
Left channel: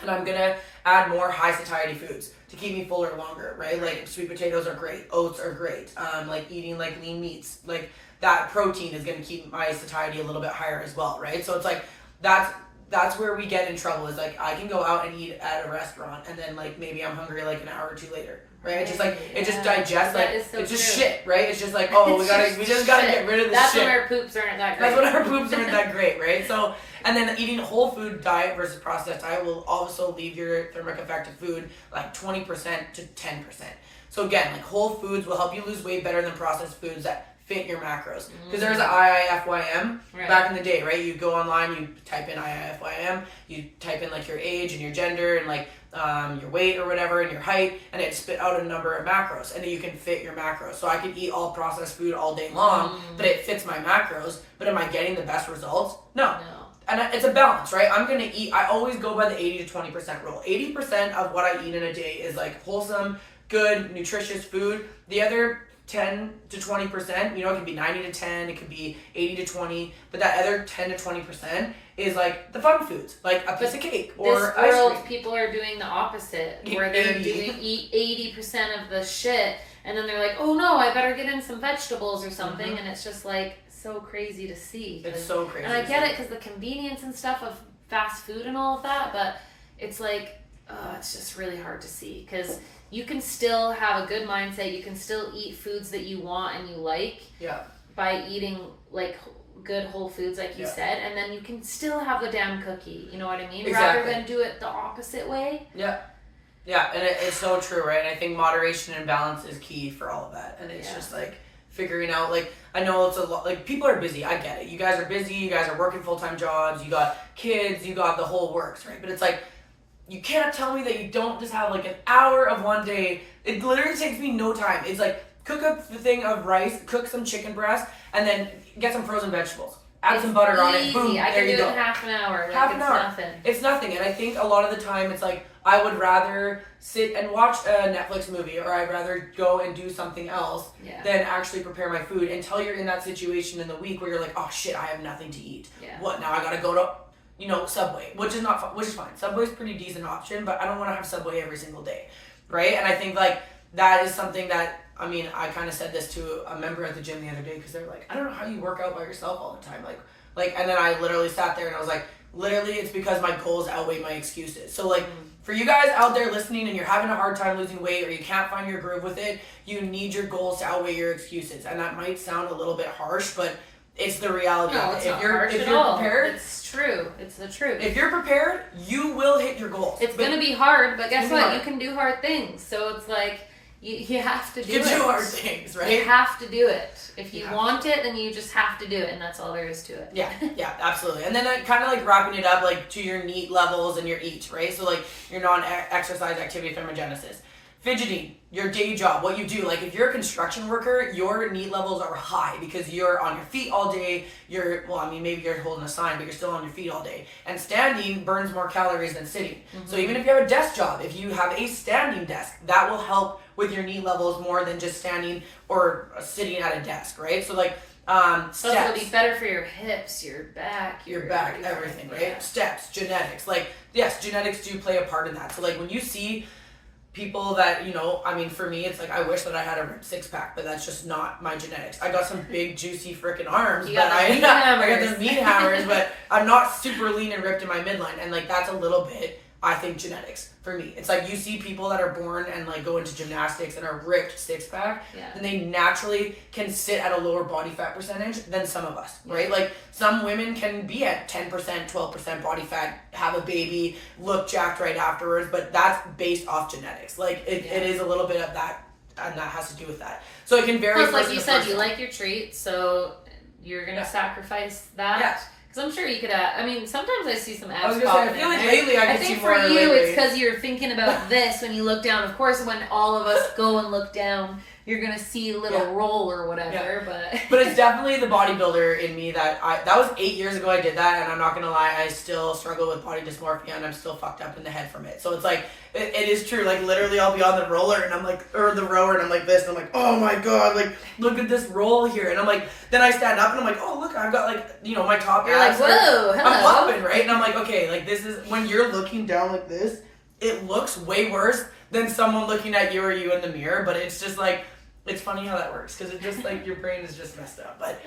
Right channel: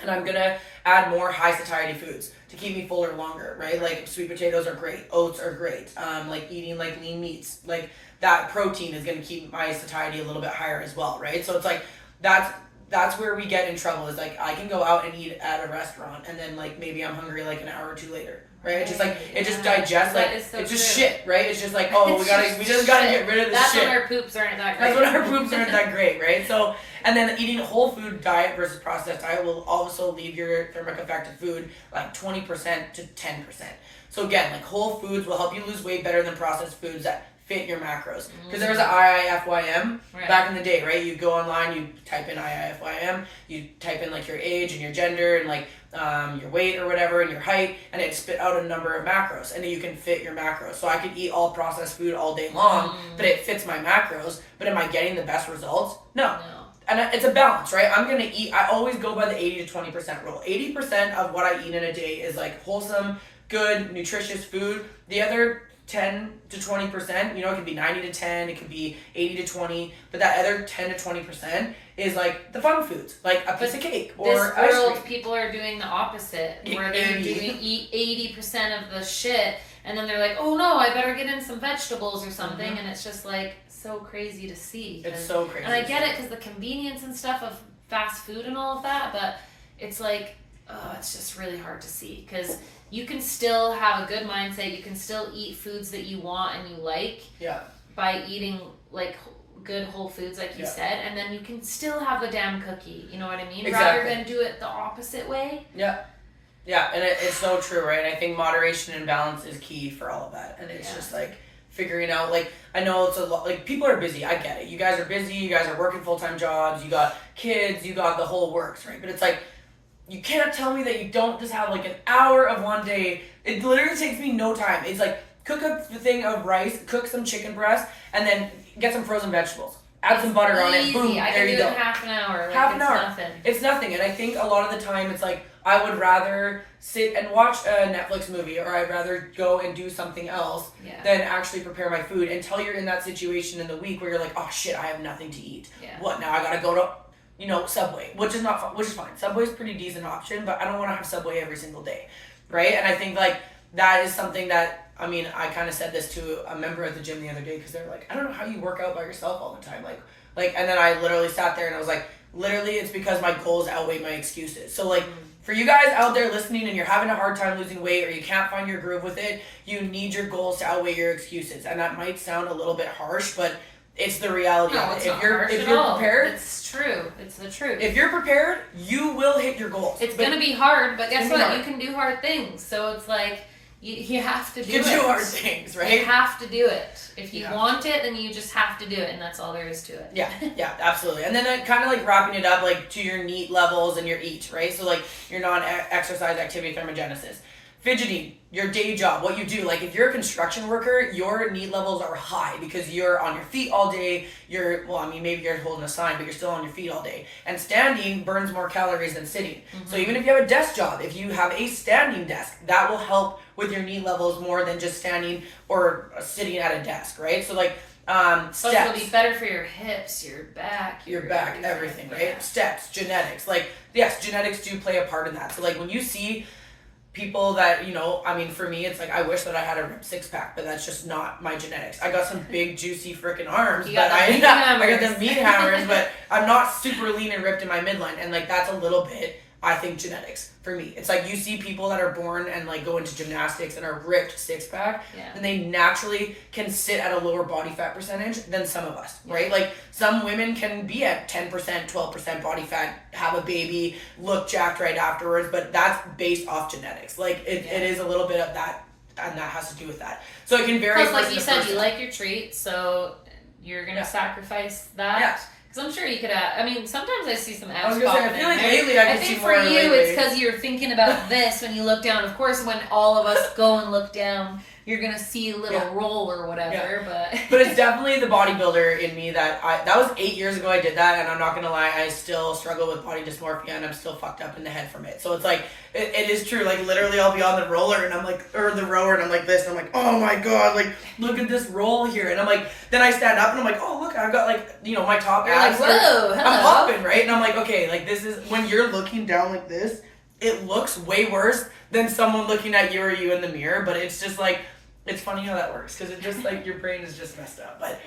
And I'm going to add more high satiety foods to keep me fuller longer, right? Like sweet potatoes are great. Oats are great. Like eating like lean meats, like that protein is going to keep my satiety a little bit higher as well, right? So it's like, that's where we get in trouble is like, I can go out and eat at a restaurant and then like, maybe I'm hungry like an hour or two later, right? It's just like, it just digests, like, it's just shit, right? It's just like, oh, we just gotta get rid of this That's shit. when our poops aren't that great. That's when our poops aren't that great, right? So, and then eating a whole food diet versus processed diet will also leave your thermic effective food like 20% to 10%. So again, like whole foods will help you lose weight better than processed foods that fit your macros. Because there's an IIFYM back in the day, right? You go online, you type in IIFYM, you type in like your age and your gender and like your weight or whatever and your height, and it spit out a number of macros, and then you can fit your macros. So I could eat all processed food all day long, but it fits my macros. But am I getting the best results? No. And it's a balance, right? I'm going to eat, I always go by the 80 to 20% rule. 80% of what I eat in a day is like wholesome, good, nutritious food. The other 10 to 20%, you know, it could be 90 to 10, it could be 80 to 20, but that other 10 to 20% is like the fun foods, like a piece of cake or ice cream. People are doing the opposite, where they're eat 80% of the shit, and then they're like, oh no, I better get in some vegetables or something, and it's just like so crazy to see. It's so crazy. And I get it because the convenience and stuff of fast food and all of that, but it's like, it's just really hard to see because you can still have a good mindset. You can still eat foods that you want and you like by eating like good whole foods, like you said, and then you can still have the damn cookie. You know what I mean? Exactly. Rather than do it the opposite way. Yeah, and it's so true, right? And I think moderation and balance is key for all of that. And it's just like figuring out, like, I know it's a lot, like, people are busy, I get it. You guys are busy, you guys are working full-time jobs, you got kids, you got the whole works, right? But it's like, you can't tell me that you don't just have like an hour of one day. It literally takes me no time. It's like, cook up a thing of rice, cook some chicken breast, and then get some frozen vegetables. Add some butter on it, boom, I there can you do go. it in half an hour. Like, Half an hour. Nothing. It's nothing. And I think a lot of the time it's like, I would rather sit and watch a Netflix movie, or I'd rather go and do something else than actually prepare my food, until you're in that situation in the week where you're like, oh shit, I have nothing to eat. Yeah. What, now I gotta go to, Subway, which is fine. Subway's a pretty decent option, but I don't want to have Subway every single day, right? And I think like that is something that, I mean, I kind of said this to a member at the gym the other day, because they're like, I don't know how you work out by yourself all the time, and then I literally sat there and I was like, literally, it's because my goals outweigh my excuses. So like, for you guys out there listening and you're having a hard time losing weight, or you can't find your groove with it, you need your goals to outweigh your excuses. And that might sound a little bit harsh, but it's the reality. No, it's if you're prepared, it's true. It's the truth. If you're prepared, you will hit your goals. It's gonna be hard, but guess what? You can do hard things. So it's like you have to do it. You can do hard things, right? You have to do it. If you want it, then you just have to do it, and that's all there is to it. Yeah, absolutely. And then kind of like wrapping it up like to your NEAT levels and your EAT, right? So like your non-exercise activity thermogenesis. Fidgeting, your day job, what you do. Like if you're a construction worker, your NEAT levels are high because you're on your feet all day. Maybe you're holding a sign, but you're still on your feet all day. And standing burns more calories than sitting. So even if you have a desk job, if you have a standing desk, that will help with your NEAT levels more than just standing or sitting at a desk, right? So like steps. So it'll be better for your hips, your back, everything, right? Yeah. Steps, genetics. Like, yes, genetics do play a part in that. So like when you see people that, for me, it's like, I wish that I had a ripped six-pack, but that's just not my genetics. I got some big, juicy freaking arms, but I got the meat hammers, but I'm not super lean and ripped in my midline. And like, that's a little bit, I think, genetics for me. It's like you see people that are born and like go into gymnastics and are ripped six-pack, and they naturally can sit at a lower body fat percentage than some of us, right? Like some women can be at 10%, 12% body fat, have a baby, look jacked right afterwards, but that's based off genetics. Like it is a little bit of that, and that has to do with that. So it can vary. Plus, like you said, you like your treats, so you're gonna sacrifice that. Yeah. Because I'm sure you could sometimes I see some abs. I was gonna say, I feel like lately I can see more. I think for you, it's because you're thinking about this when you look down. Of course, when all of us go and look down, you're gonna see a little roll or whatever. But it's definitely the bodybuilder in me that was 8 years ago I did that, and I'm not gonna lie, I still struggle with body dysmorphia, and I'm still fucked up in the head from it. So it's like it is true. Like literally, I'll be on the roller and I'm like, or the rower, and I'm like this, and I'm like, oh my god, like look at this roll here, and I'm like, then I stand up and I'm like, oh look, I've got like my top abs. Like, whoa, hello. I'm popping, right? And I'm like, okay, like this is when you're looking down like this, it looks way worse than someone looking at you or you in the mirror, but it's just like. It's funny how that works, because it just like your brain is just messed up. But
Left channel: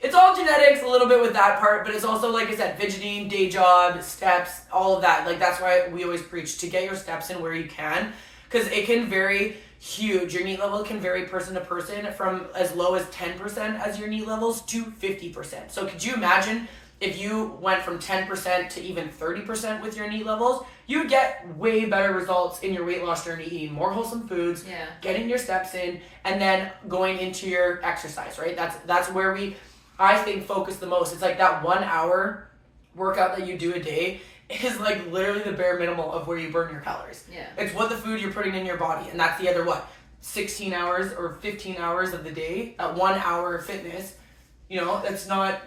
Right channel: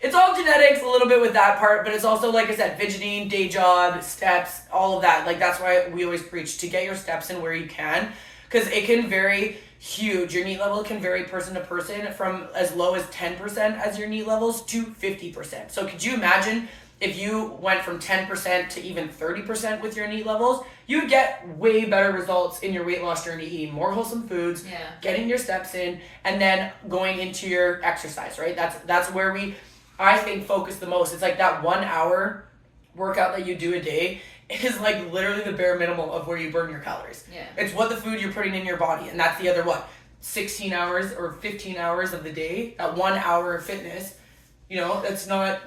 it's all genetics a little bit with that part, but it's also, like I said, fidgeting, day job, steps, all of that. Like that's why we always preach to get your steps in where you can, because it can vary huge. Your NEAT level can vary person to person from as low as 10% as your NEAT levels to 50%. So could you imagine if you went from 10% to even 30% with your NEAT levels? You would get way better results in your weight loss journey, eating more wholesome foods, getting your steps in, and then going into your exercise, right? That's where we, I think, focus the most. It's like that 1 hour workout that you do a day is like literally the bare minimum of where you burn your calories. Yeah. It's what the food you're putting in your body, and that's the other 16 hours or 15 hours of the day, that 1 hour of fitness. That's not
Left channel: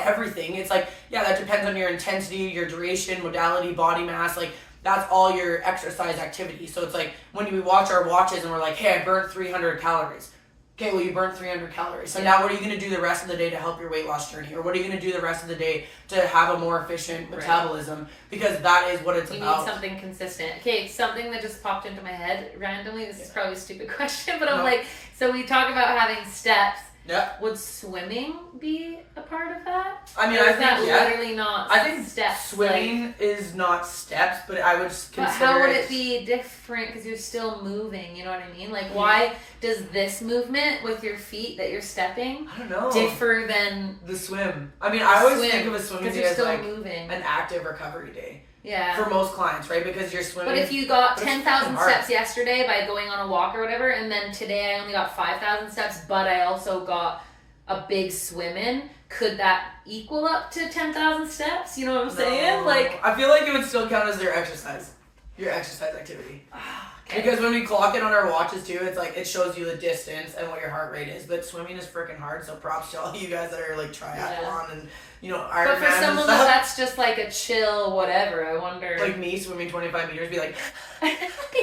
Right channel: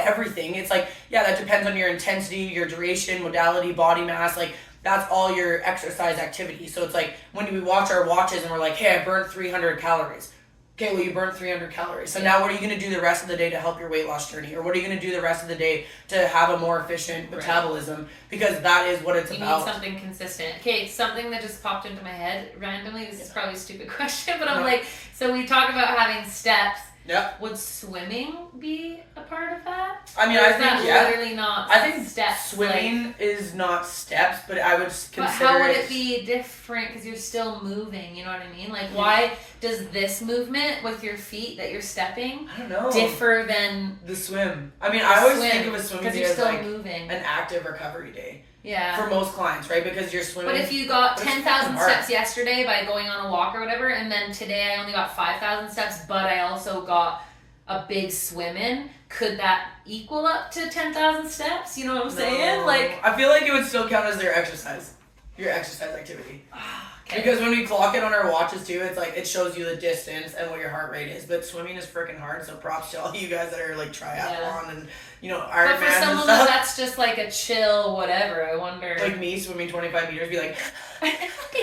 everything. It's like, that depends on your intensity, your duration, modality, body mass. Like, that's all your exercise activity. So it's like when we watch our watches and we're like, hey, I burnt 300 calories. Okay, well, you burnt 300 calories. So now what are you going to do the rest of the day to help your weight loss journey? Or what are you going to do the rest of the day to have a more efficient metabolism? Because that is what it's about. You need something consistent. Okay, something that just popped into my head randomly. This is probably a stupid question, but I'm like, so we talk about having steps. Yeah. Would swimming be a part of that? I mean, Or I is that think, yeah. literally not I think steps? swimming is not steps, but I would But consider how would it be different? Because you're still moving, you know what I mean? Like, why does this movement with your feet that you're stepping I don't know. differ than The swim. I mean, I always think of a swimming because day you're as still like moving. an active recovery day Yeah. for most clients, right? Because you're swimming. But if you got But it's 10,000 fucking hard. steps yesterday by going on a walk or whatever, and then today I only got 5,000 steps, but I also got a big swim in, could that equal up to 10,000 steps? You know what I'm saying? No. Like, I feel like it would still count as their exercise. Your exercise activity. okay. Because when we clock it on our watches too, it's like it shows you the distance and what your heart rate is. But swimming is freaking hard, so props to all you guys that are like triathlon and but Ironman for and someone stuff. that's just like a chill whatever, I wonder. Like me swimming 25 meters, be like,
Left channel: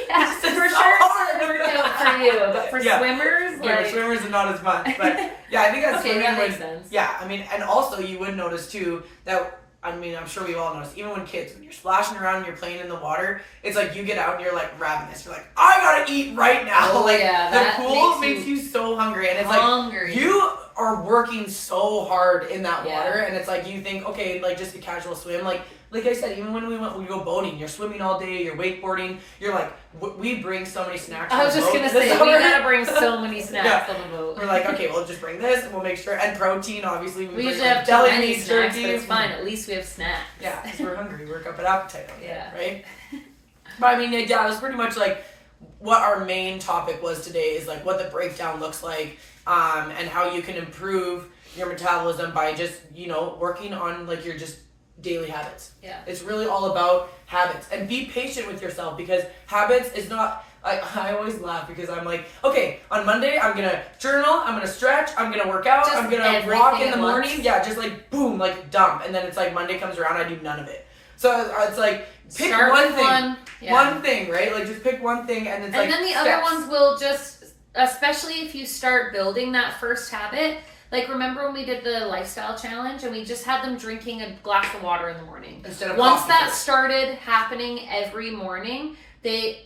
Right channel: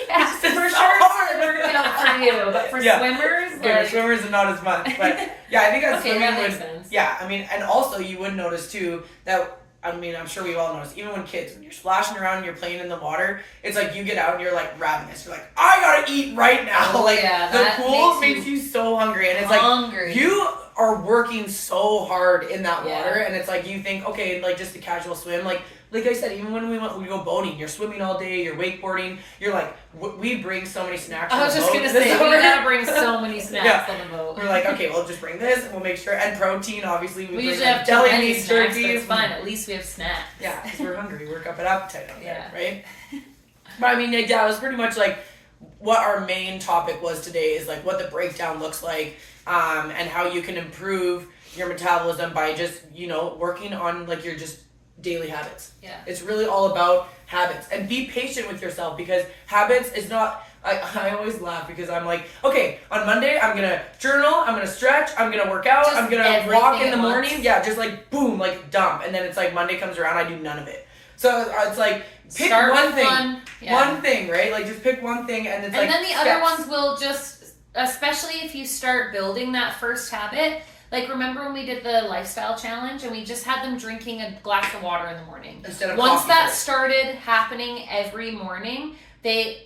yeah, this is for so sure hard. it's a workout for you, but for Yeah. swimmers, yeah, like, swimmers are not as much. But yeah, I think that okay, swimming that would. makes sense. Yeah, I mean, and also you would notice too that. I mean, I'm sure we've all noticed, even when kids, when you're splashing around and you're playing in the water, it's like you get out and you're like ravenous. You're like, I gotta eat right now. Oh, like, yeah, the that pool makes makes you so hungry. And it's hungry. like, you are working so hard in that Yeah. water. And it's like, you think, okay, like just a casual swim. Like I said, even when we go boating, you're swimming all day, you're wakeboarding, you're like, we bring so many snacks I on was the just boat gonna this say, we summer. gotta bring so many snacks on the boat. We're like, okay, we'll just bring this, and we'll make sure. And protein, obviously, we bring usually like have deli too many meat, snacks, but turkey. it's fine. At least we have snacks. Yeah, because we're hungry. Work up an appetite on Yeah. there, right? But I mean, yeah, it was pretty much like what our main topic was today is like what the breakdown looks like, and how you can improve your metabolism by just working on like your just daily habits. Yeah. It's really all about habits, and be patient with yourself because habits is not. I always laugh because I'm like, okay, on Monday I'm gonna journal, I'm gonna stretch, I'm gonna work out, Just I'm gonna everything walk in at the once. morning. Yeah, just like boom, like dump, and then it's like Monday comes around, I do none of it. So it's like pick Start one with thing, yeah. one thing, right? Like just pick one thing, and it's And like then the steps. other ones will just, especially if you start building that first habit. Like, remember when we did the lifestyle challenge and we just had them drinking a glass of water in the morning? Instead of Once coffee that first. started happening every morning,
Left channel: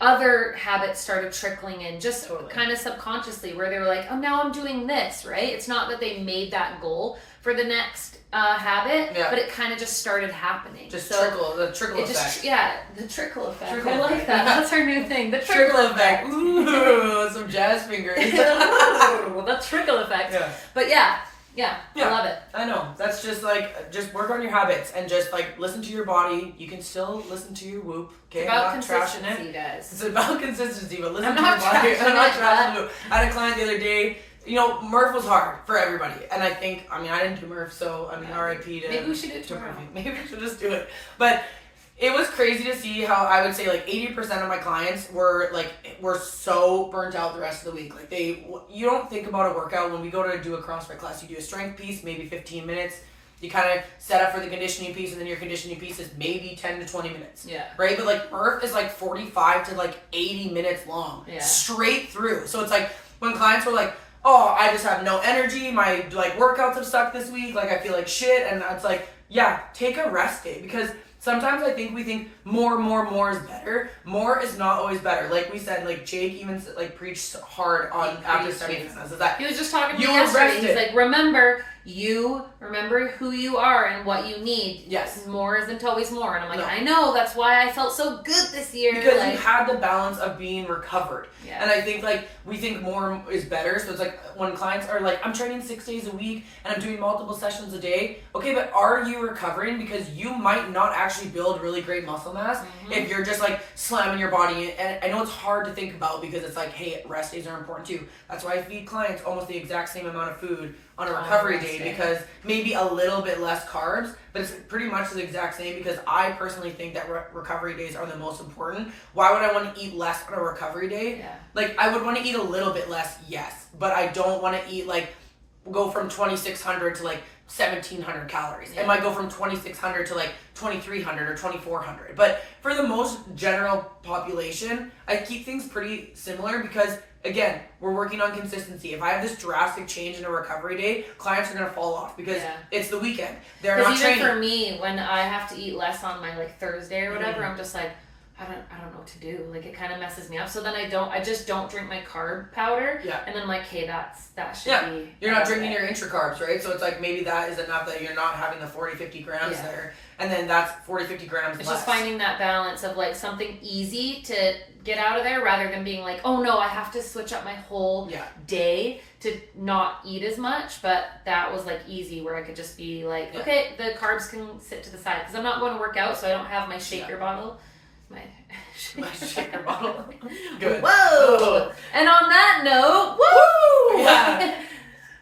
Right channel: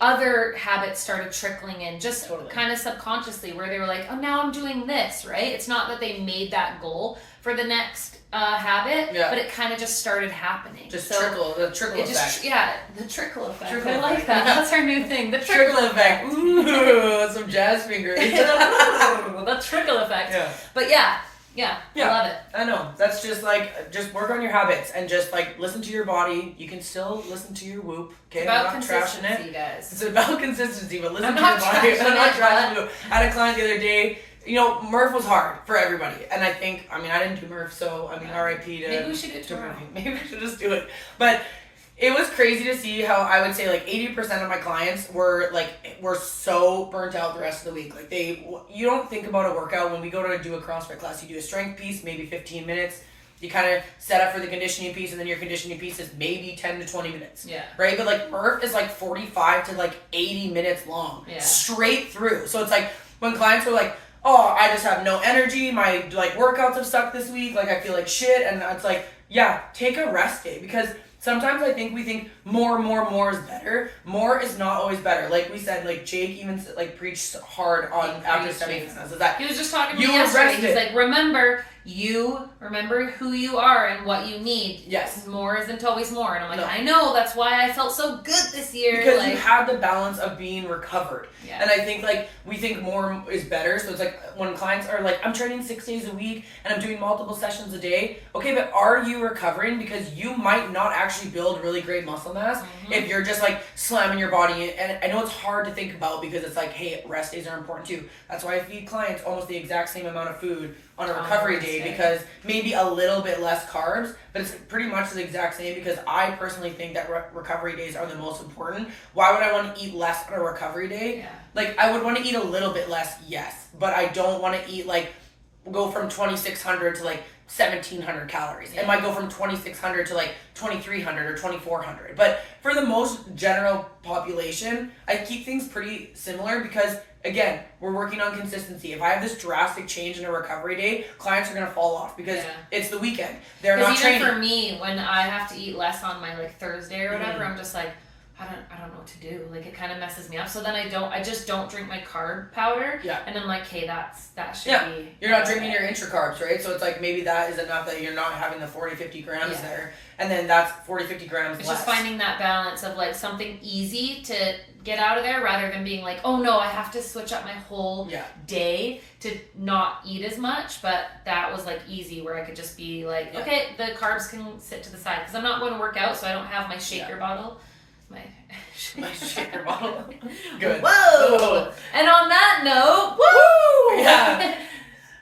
other habits started trickling in, just Totally. kind of subconsciously, where they were like, oh, now I'm doing this, right? It's not that they made that goal for the next habit, Yeah. but it kind of just started happening. Just So the trickle it effect. just, yeah, the trickle effect. Trickle I like effect. that. That's our new thing. The Trickle effect. Ooh, some jazz fingers. The trickle effect. Yeah. But yeah, I love it. I know. That's just like, just work on your habits and just like listen to your body. You can still listen to your whoop. Okay, It's about I'm not trashing consistency, it. guys. It's about consistency, but listen I'm to your not body. I'm trashing not it, trashing but- whoop. I had a client the other day. Murph was hard for everybody, and I think, I didn't do Murph, so R.I.P. to Maybe we should do it to tomorrow. Murphy. Maybe we should just do it. But it was crazy to see how I would say like 80% of my clients were so burnt out the rest of the week. Like you don't think about a workout when we go to do a CrossFit class. You do a strength piece, maybe 15 minutes. You kind of set up for the conditioning piece, and then your conditioning piece is maybe 10 to 20 minutes. Yeah. Right? But like Murph is like 45 to like 80 minutes long. Yeah. Straight through. So it's like when clients were like, oh, I just have no energy. My like workouts have sucked this week. Like I feel like shit. And it's like, yeah, take a rest day, because sometimes I think we think more is better. More is not always better. Like we said, like Jake even like preached hard on after studying this. Is that He was just talking to You me were yesterday. He's rested. like, remember who you are and what you need. Yes. More isn't always more. And I'm like, No. I know, that's why I felt so good this year. because like, you have the balance of being recovered. Yeah. And I think like we think more is better. So it's like when clients are like, I'm training 6 days a week and I'm doing multiple sessions a day. Okay, but are you recovering? Because you might not actually build really great muscle mass if you're just like slamming your body. And I know it's hard to think about because it's like, hey, rest days are important too. That's why I feed clients almost the exact same amount of food on a recovery rest day, day. because maybe a little bit less carbs, but it's pretty much the exact same, because I personally think that recovery days are the most important. Why would I want to eat less on a recovery day? Yeah. Like, I would want to eat a little bit less, yes, but I don't want to eat like, go from 2,600 to like 1,700 calories. Yeah. It might go from 2,600 to like 2,300 or 2,400. But for the most general population, I keep things pretty similar because, again, we're working on consistency. If I have this drastic change in a recovery day, clients are going to fall off because Yeah. it's the weekend. They're not Because even training. for me, when I have to eat less on my like Thursday or whatever, I'm just like, I don't know what to do. Like, it kind of messes me up. So then I just don't drink my carb powder. Yeah. And then I'm like, hey, that should be. You're not drinking your intra-carbs, right? So it's like maybe that is enough that you're not having the 40-50 grams there. And then that's 40-50 grams It's less. just finding that balance of like something easy to get out of there rather than being like, oh no, I have to switch up my whole day to not eat as much. But that was like easy where I could just be like, okay, the carbs can sit to the side because I'm not going to work out, so I don't have my shaker bottle. My shaker bottle. Good. Whoa! And on that note, woo! Yeah.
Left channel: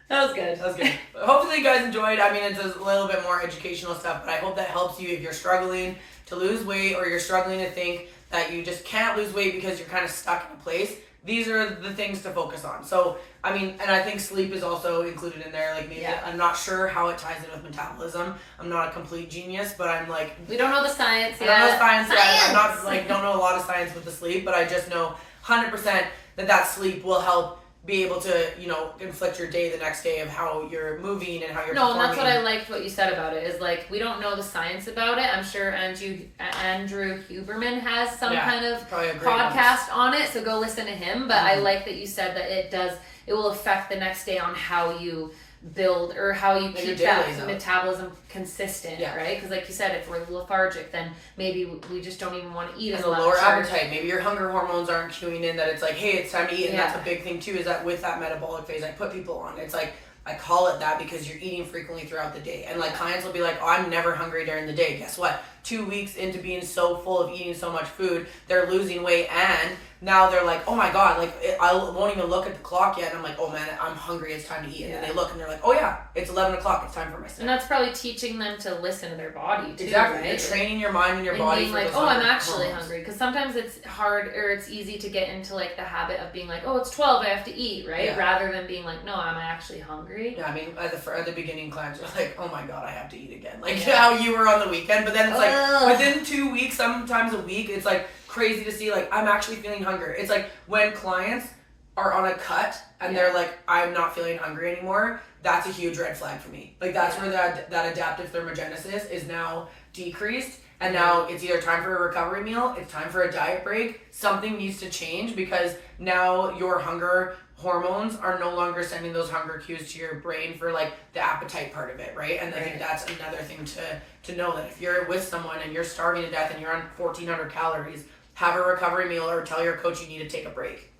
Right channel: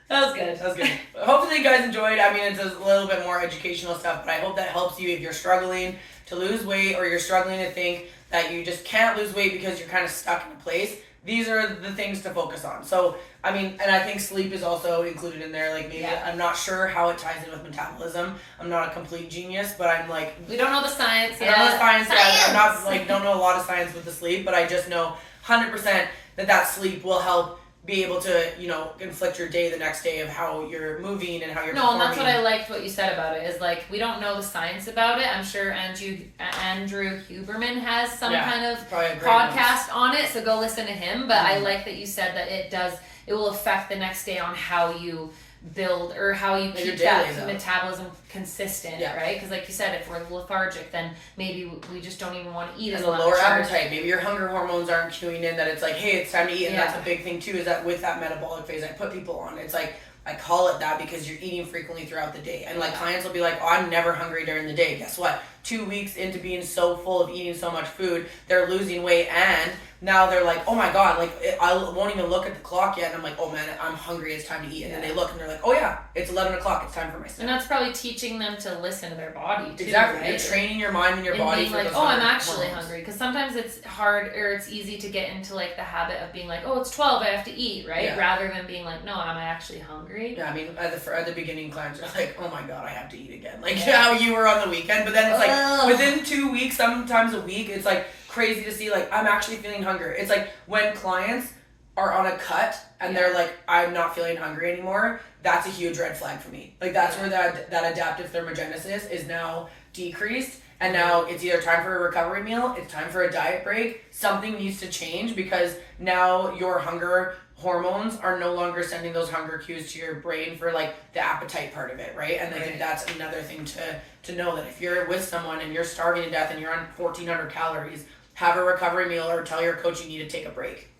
That was good. That was good. Hopefully you guys enjoyed. I mean, it's a little bit more educational stuff, but I hope that helps you if you're struggling to lose weight or you're struggling to think that you just can't lose weight because you're kind of stuck in a place. These are the things to focus on. So, I mean, and I think sleep is also included in there. Like maybe I'm not sure how it ties in with metabolism. I'm not a complete genius, but I'm like... We don't know the science yet. I don't know the science yet. I'm not don't know a lot of science with the sleep, but I just know 100% that sleep will help be able to, inflict your day the next day of how you're moving and how you're performing. And that's what I liked what you said about it, is like, we don't know the science about it. I'm sure Andrew Huberman has some kind of podcast on it, so go listen to him. But I like that you said that it will affect the next day on how you build or how you keep that metabolism consistent, right? Because like you said, if we're lethargic, then maybe we just don't even want to eat as much. And the lower appetite, maybe your hunger hormones aren't cueing in that it's like, hey, it's time to eat. And that's a big thing too, is that with that metabolic phase I put people on, it's like, I call it that because you're eating frequently throughout the day. And like clients will be like, oh, I'm never hungry during the day. Guess what? 2 weeks into being so full of eating so much food, they're losing weight, and now they're like, oh my God, like I won't even look at the clock yet. And I'm like, oh man, I'm hungry. It's time to eat. And then they look and they're like, oh yeah, it's 11 o'clock. It's time for my snack. And that's probably teaching them to listen to their body too. Exactly. Right? You're training your mind and your body being for like, those I'm actually hormones. hungry. Because sometimes it's hard or it's easy to get into like the habit of being like, oh, it's 12, I have to eat, right? Rather than being like, no, am I actually hungry? Yeah, I mean, at the beginning, clients are like, oh my God, I have to eat again. Like how you were on the weekend. But then it's like within 2 weeks, sometimes a week, it's like crazy to see, like, I'm actually feeling hunger. It's like when clients are on a cut and they're like, I'm not feeling hungry anymore, that's a huge red flag for me. Like that's where that adaptive thermogenesis is now decreased, and now it's either time for a recovery meal, it's time for a diet break. Something needs to change because now your hunger hormones are no longer sending those hunger cues to your brain for like the appetite part of it, right? And I think that's another thing to know, that if you're with someone and you're starving to death and you're on 1,400 calories, have a recovery meal or tell your coach you need to take a break.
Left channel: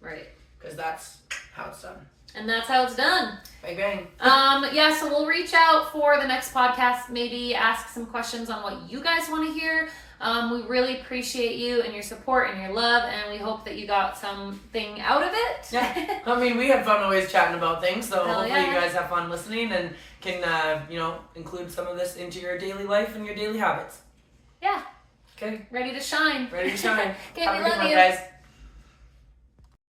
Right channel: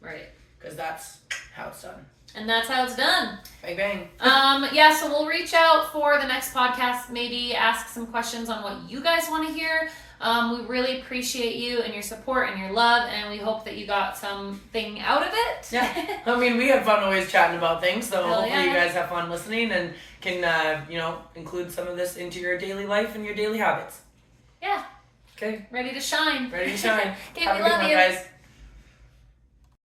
Right. Because that's how it's done. And that's how it's done. Bang, bang. So we'll reach out for the next podcast, maybe ask some questions on what you guys want to hear. We really appreciate you and your support and your love, and we hope that you got something out of it. Yeah. I mean, we had fun always chatting about things, so hopefully you guys have fun listening and can, include some of this into your daily life and your daily habits. Yeah. Okay. Ready to shine. Ready to shine. Okay, Have we a good love one, you. guys.